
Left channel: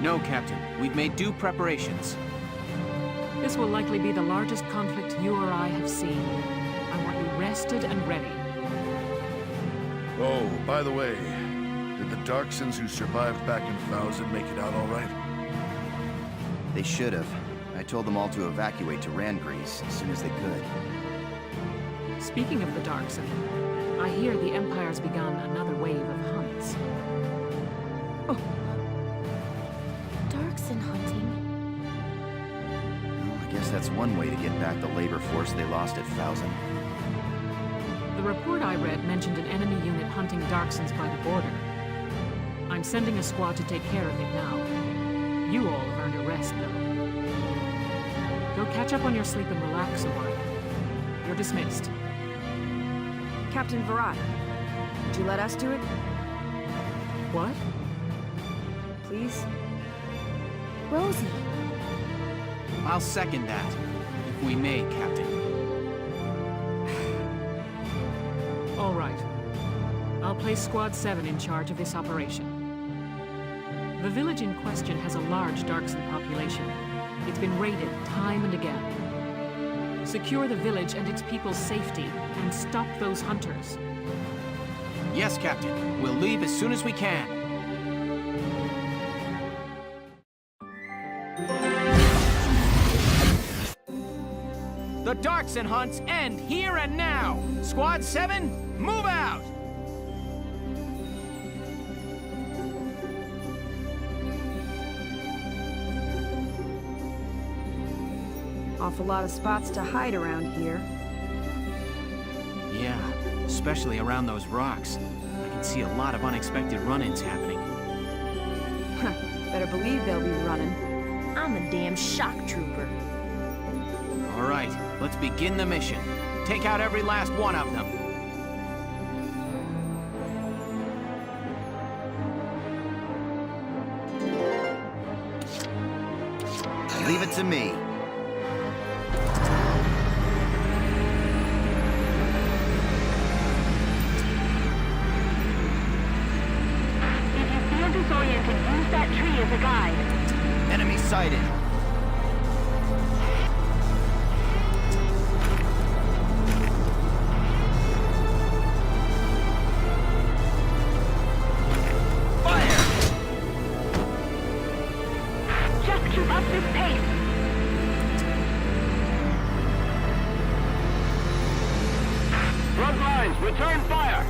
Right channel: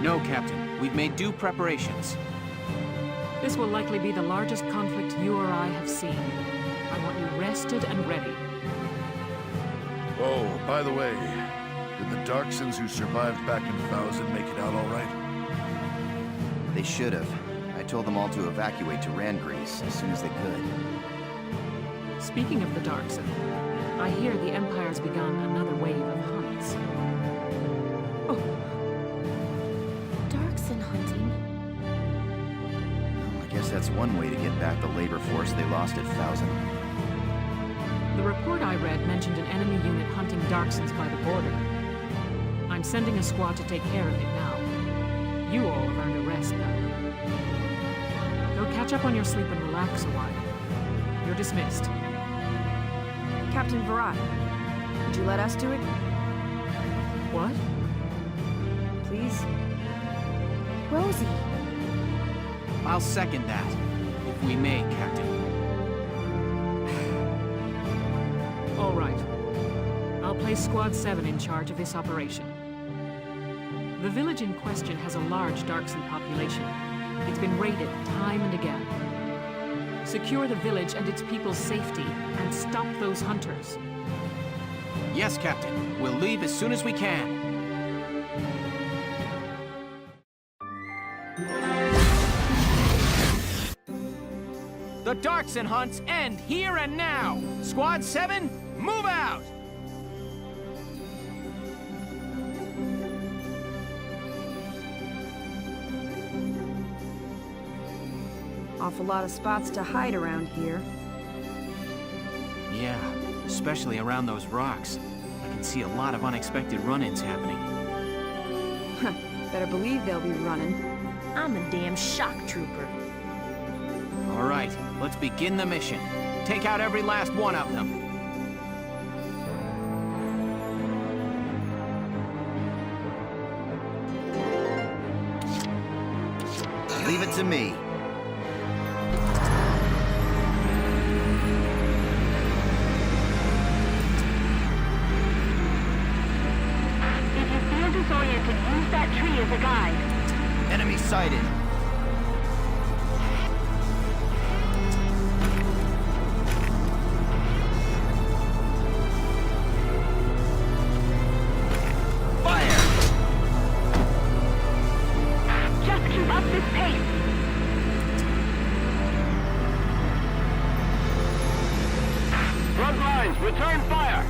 No, Captain. We've made due preparations. This will likely be the largest conflict you or I have seen. I want you rested and ready. Oh, by the way, did the Darksons who survived back in 1000 make it out all right? They should have. I told them all to evacuate to Randgrease as soon as they could. Speaking of the Darkson, I hear the Empire's begun another wave of hunts. Oh. Darkson hunting? Well, I guess that's one way to get back the labor force they lost at 1000. The report I read mentioned an enemy unit hunting Darksons by the border. I'm sending a squad to take care of it now. You all have earned a rest, though. Go catch up on your sleep and relax a while. You're dismissed. Captain Virat, would you let us do it? What? Please? Rosie. I'll second that, if we may, Captain. All right. I'll place Squad 7 in charge of this operation. The village in question has a large Darkson population. It's been raided time and again. Secure the village and its people's safety, and stop those hunters. Yes, Captain. We'll leave as soon as we can. The Darkson hunts end here and now! Squad 7, move out! Awful lot of spots to hide around here. Yeah, especially around those rocks. I can see a lot of unexpected run-ins happening. Huh, better believe they'll be running. I'm a damn shock trooper. All right, let's begin the mission. Take out every last one of them. Leave it to me. If you feel disoriented, use that tree as a guide. Enemy sighted. Return fire!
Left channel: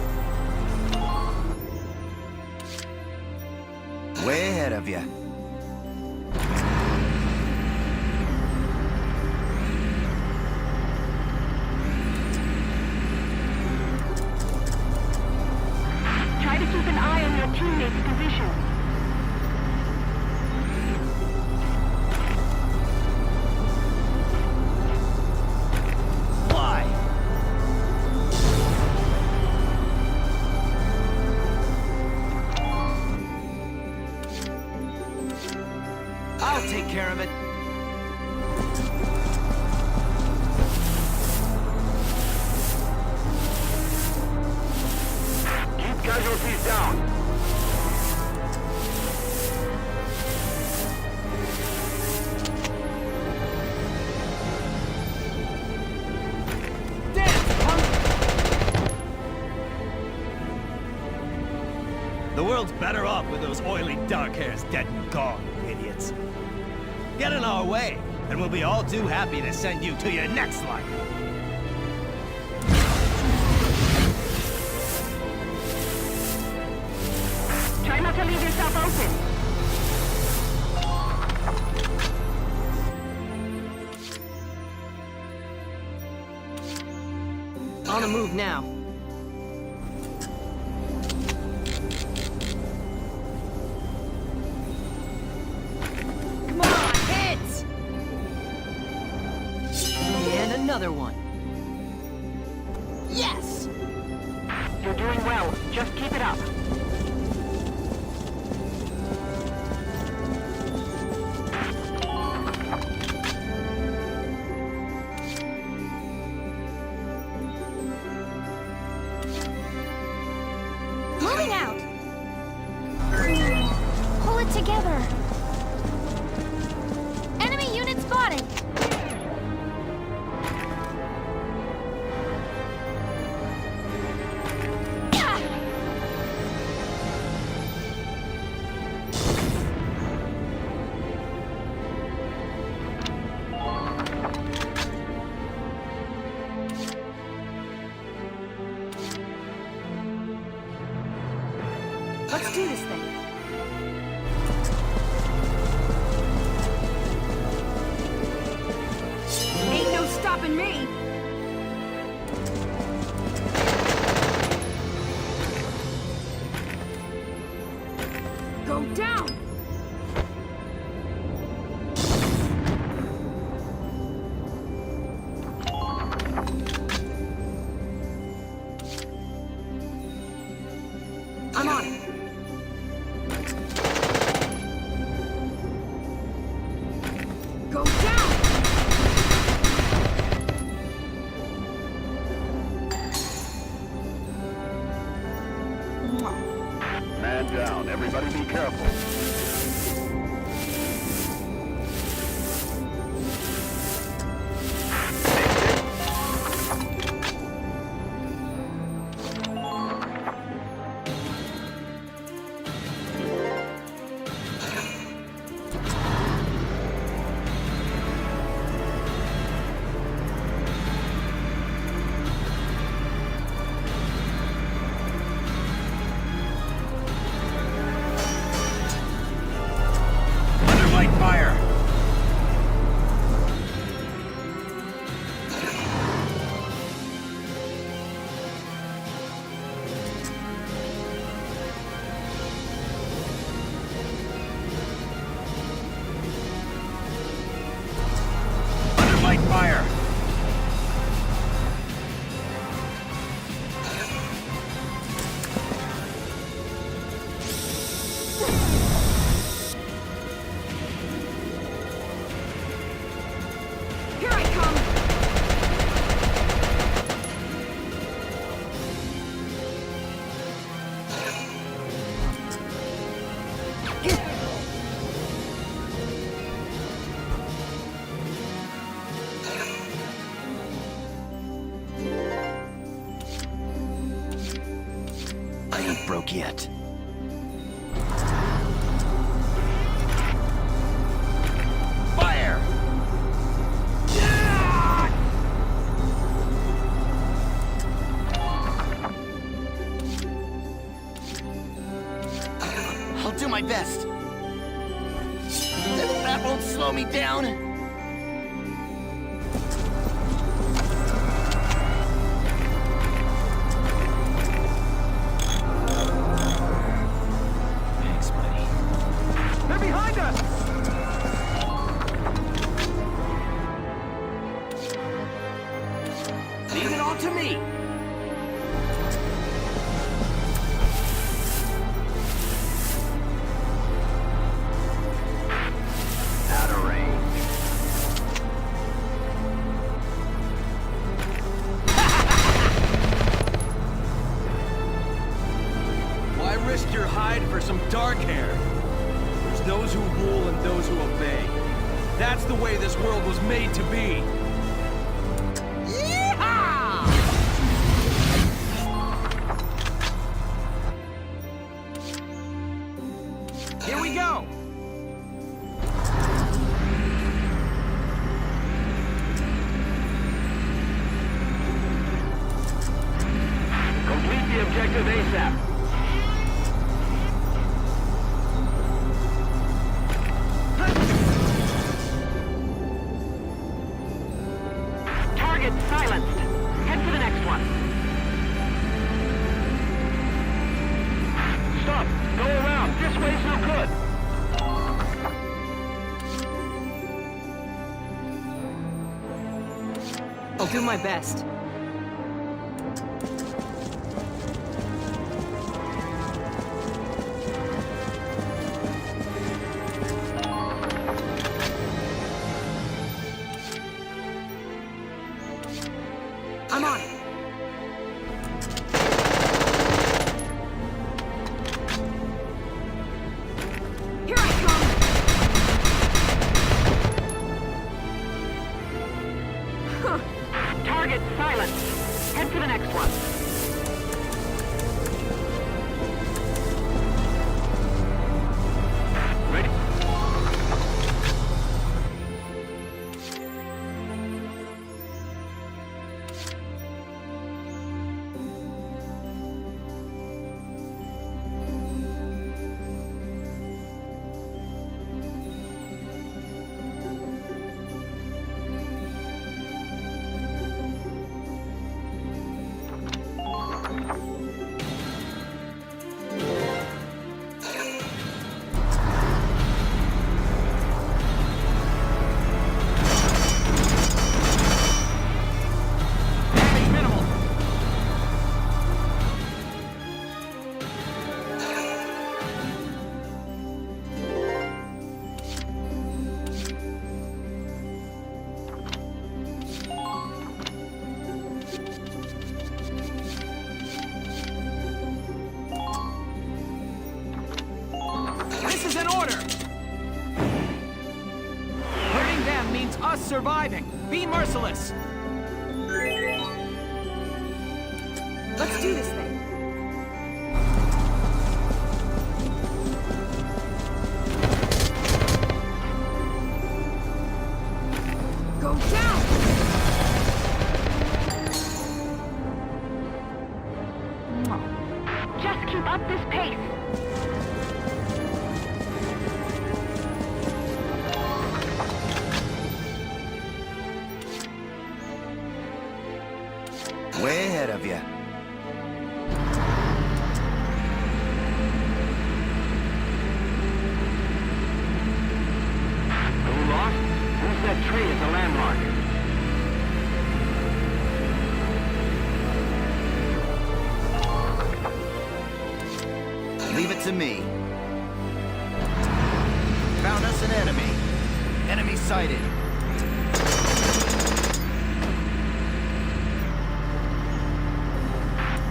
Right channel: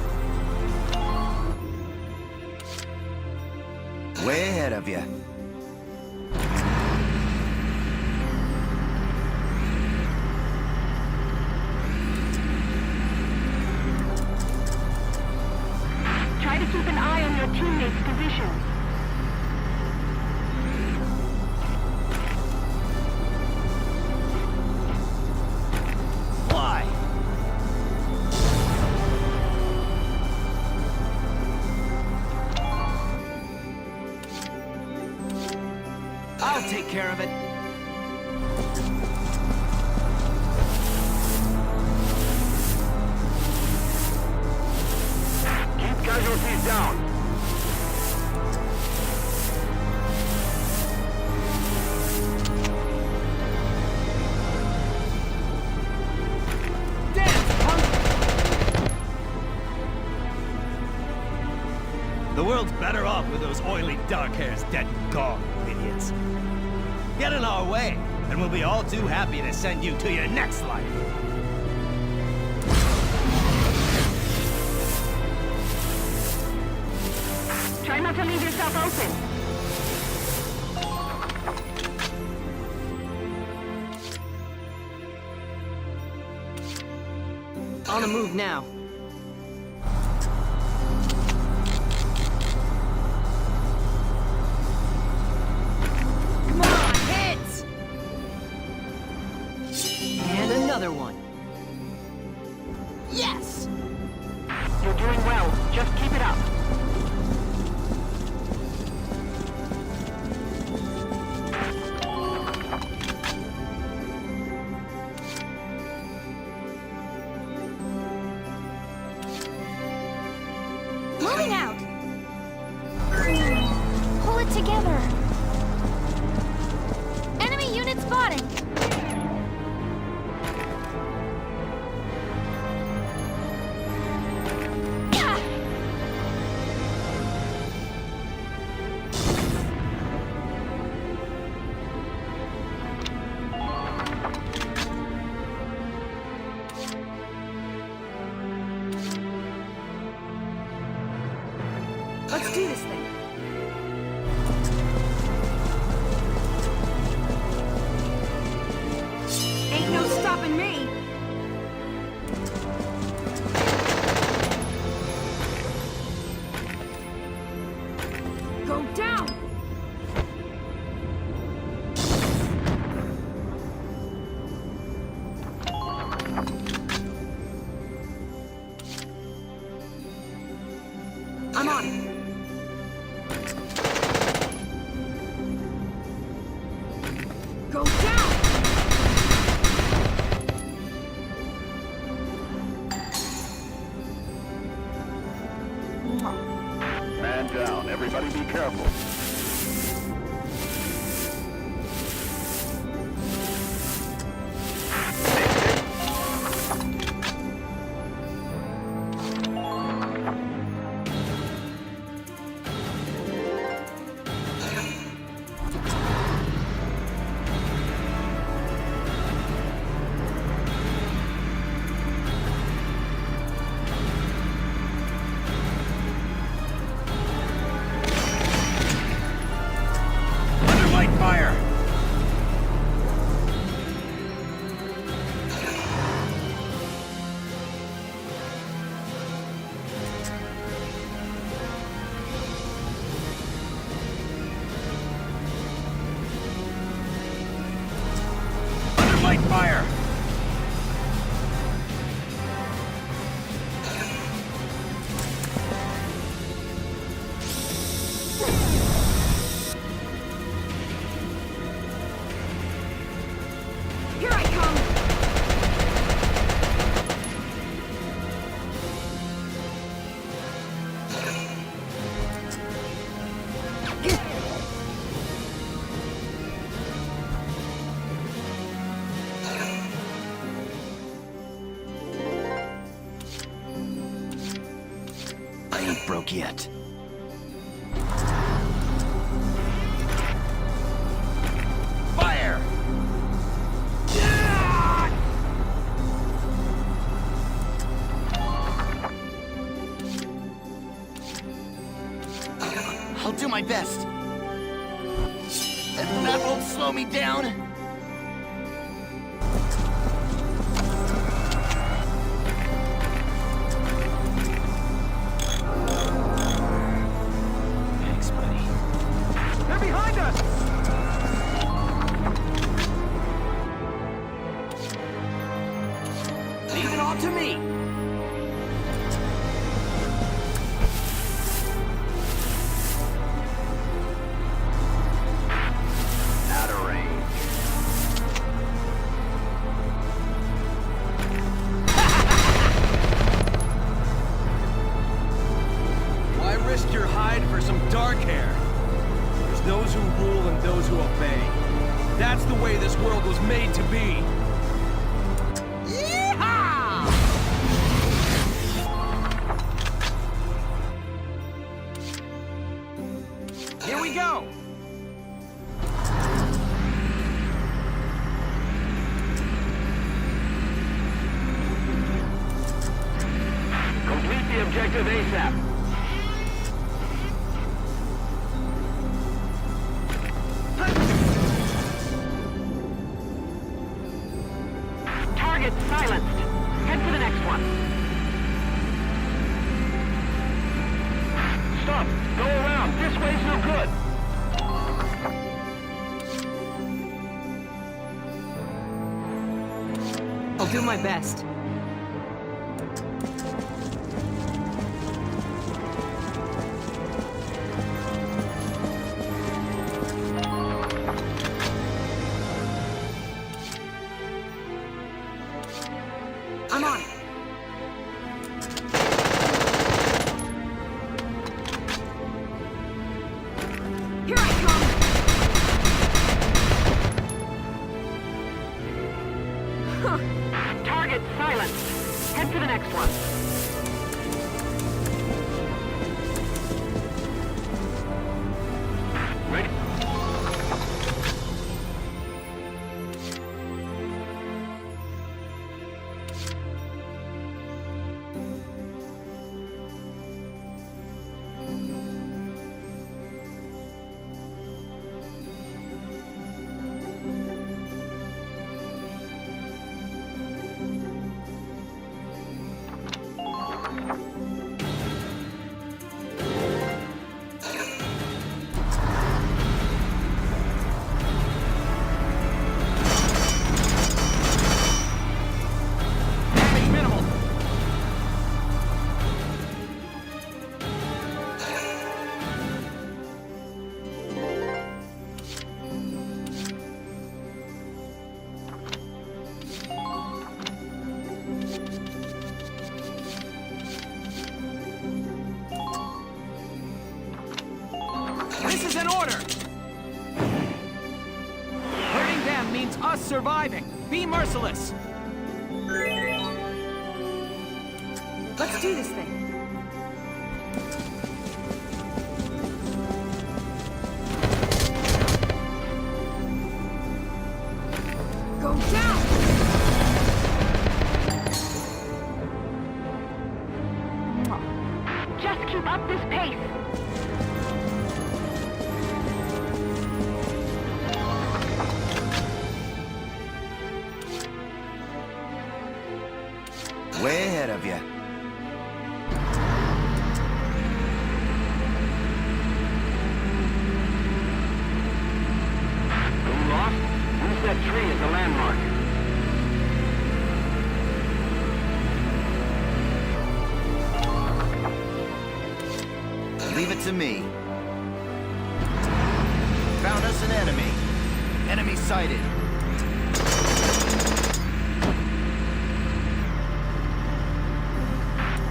Way ahead of you. Try to keep an eye on your teammates' positions. I'll take care of it. Keep casualties down. The world's better off with those oily dark hairs dead and gone, you idiots. Get in our way, and we'll be all too happy to send you to your next life. Try not to leave yourself open. On the move now. another one. Yes! You're doing well. Just keep it up. Moving out! Pull it together! Enemy unit spotted! Let's do this thing. Ain't no stopping me. Go down. I'm on it. Go down! Man down. Everybody be careful. Fire! Here I come! I ain't broke yet. Fire! I'll do my best. That won't slow me down. Leave it all to me! Out of range. Why risk your hide for some dark hair? There's those who rule and those who obey. That's the way this world was made to be. Yeehaw! Here we go! Complete the objective ASAP. Target silenced. Head for the next one. Stop! Go around! This way's no good! I'll do my best. I'm on it. Here I come! Target silenced. Head for the next one. Ready? This is an order! Hurting them means us surviving. Be merciless! Let's do this thing. Go down! Just keep up this pace. Way ahead of you. Are we lost? Use that tree as a landmark. Leave it to me. Found us an enemy. Enemy sighted.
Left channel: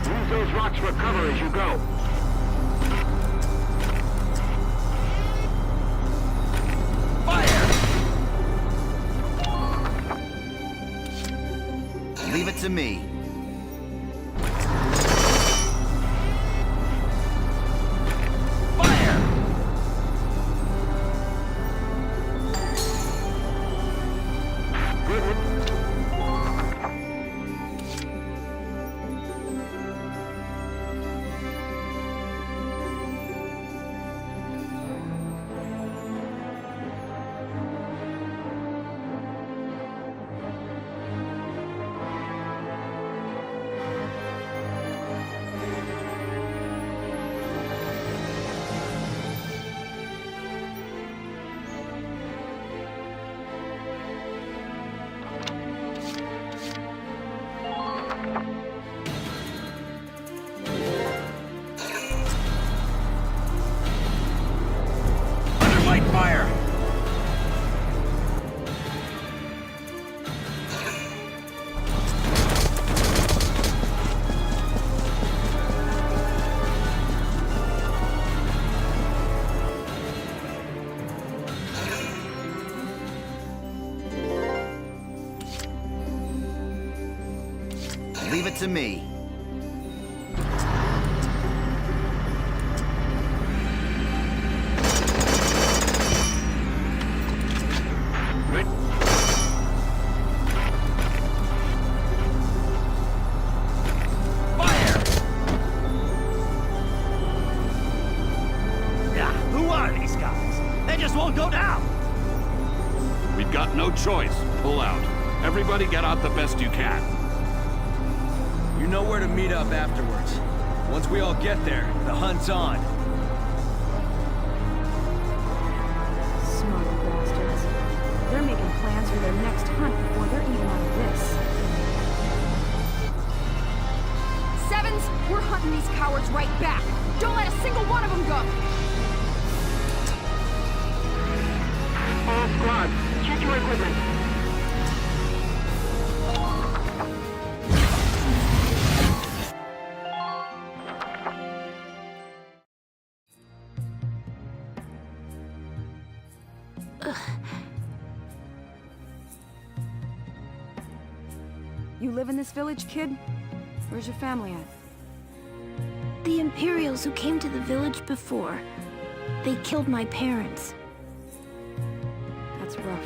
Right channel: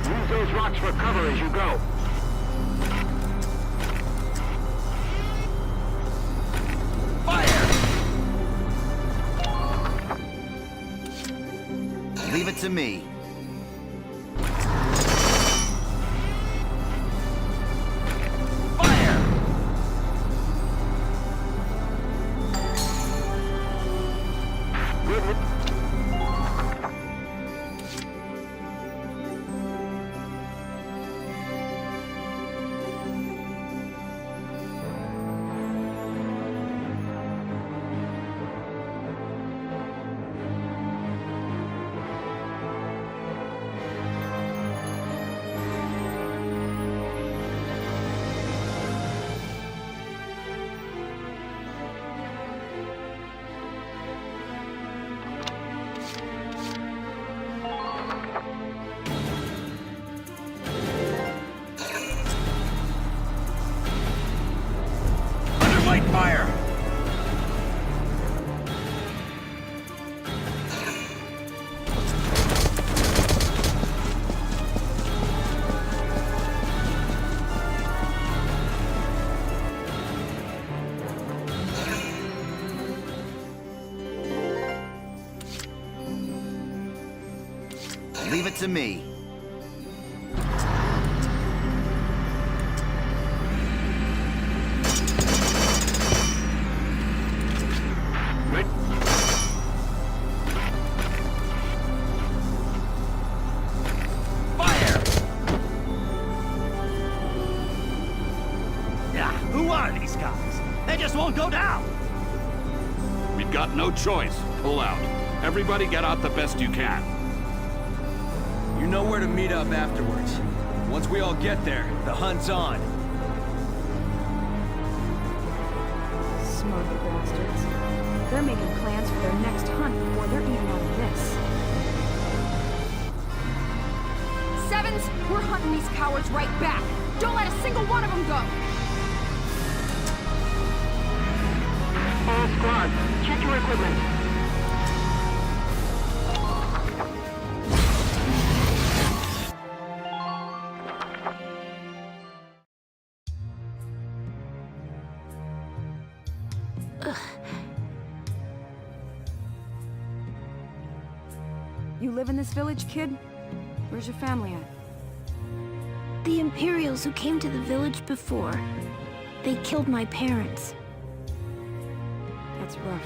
Use those rocks for cover as you go. Leave it to me. Fire! Good. Fire! Leave it to me. Who are these guys? They just won't go down! We've got no choice. Pull out. Everybody get out the best you can. You know where to meet up afterwards. Once we all get there, the hunt's on. Smug bastards. they're making plans for their next hunt before they're even out of this. Sevens, we're hunting these cowards right back. Don't let a single one of them go! All squads, check your equipment. You live in this village, kid? Where's your family at? The Imperials who came to the village before. They killed my parents. That's rough.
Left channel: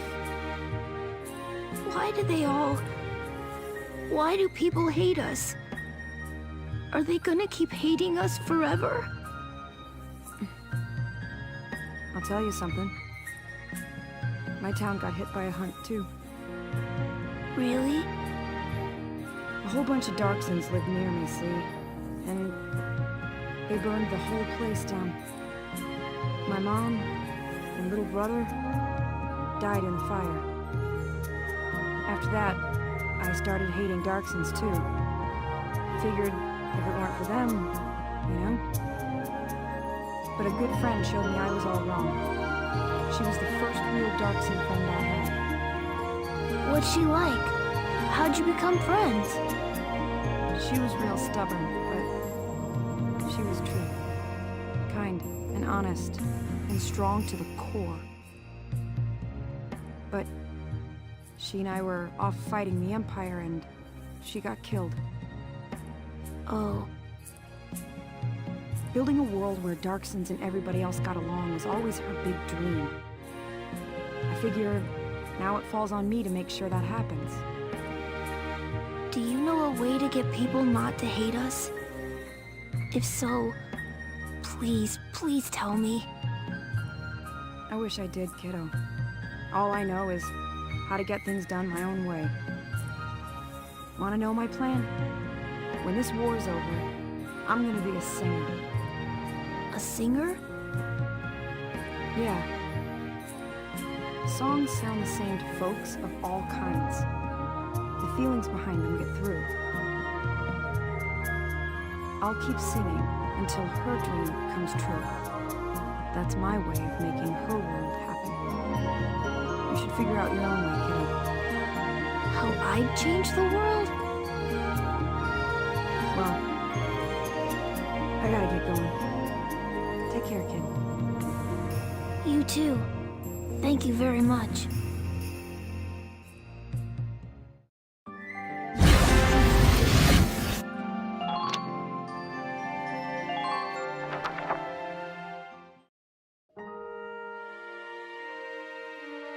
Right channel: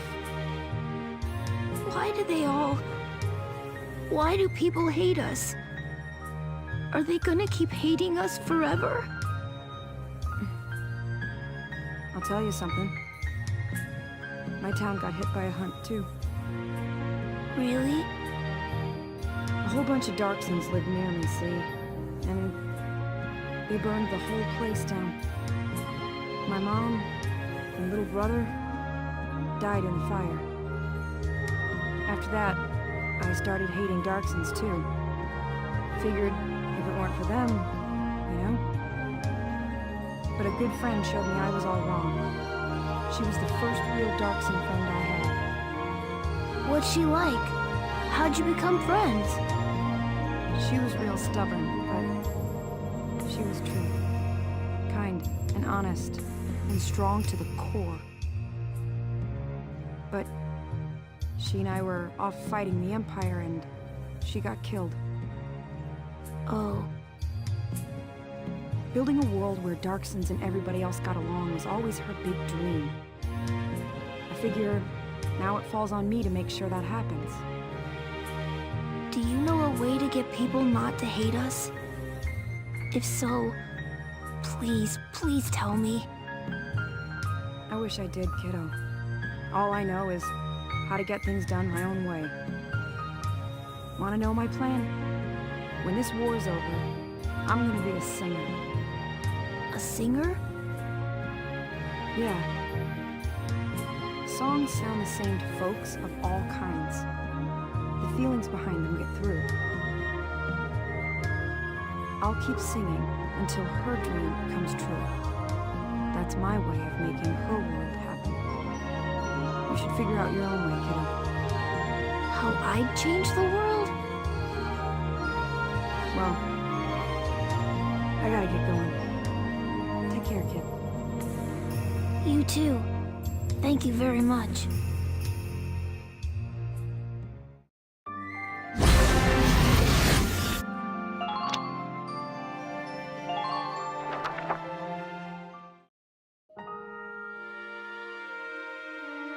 Why do people hate us? Are they gonna keep hating us forever? I'll tell you something. My town got hit by a hunt, too. Really? A whole bunch of Darksons lived near me, see? And they burned the whole place down. My mom and little brother died in the fire. After that, I started hating Darksons too. Figured if it weren't for them, you know? But a good friend showed me I was all wrong. She was the first real Darkson friend I had. What's she like? How'd you become friends? She was real stubborn, but she was true. Kind and honest and strong to the core. But she and I were off fighting the Empire and she got killed. Oh. Building a world where Darksons and everybody else got along was always her big dream. I figure now it falls on me to make sure that happens. Do you know a way to get people not to hate us? If so, please, please tell me. I wish I did, kiddo. All I know is how to get things done my own way. Wanna know my plan? When this war's over, I'm gonna be a singer. A singer? Yeah. Songs sound the same to folks of all kinds. The feelings behind them get through. I'll keep singing until her dream comes true. That's my way of making her world happen. You should figure out your own way, kiddo. How I'd change the world? Well, I gotta get going. Take care, kid. You too. Thank you very much.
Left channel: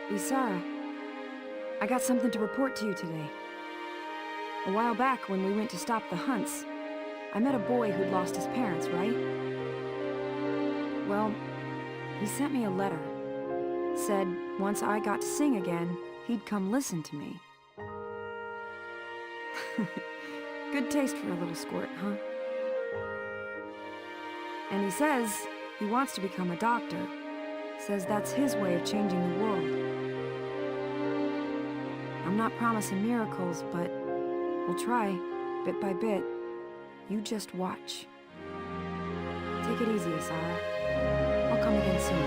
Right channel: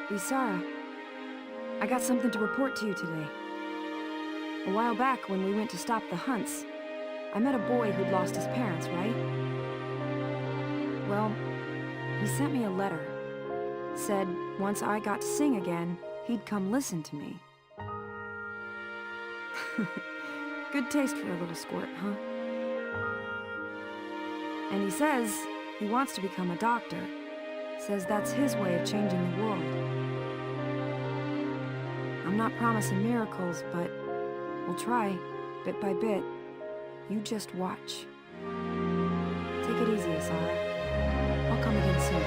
Isara, I got something to report to you today. A while back, when we went to stop the hunts, I met a boy who'd lost his parents, right? Well, he sent me a letter. Said once I got to sing again, he'd come listen to me. Good taste for a little squirt, huh? And he says he wants to become a doctor. Says that's his way of changing the world. I'm not promising miracles, but we'll try, bit by bit. You just watch. Take it easy, Isara. I'll come again soon.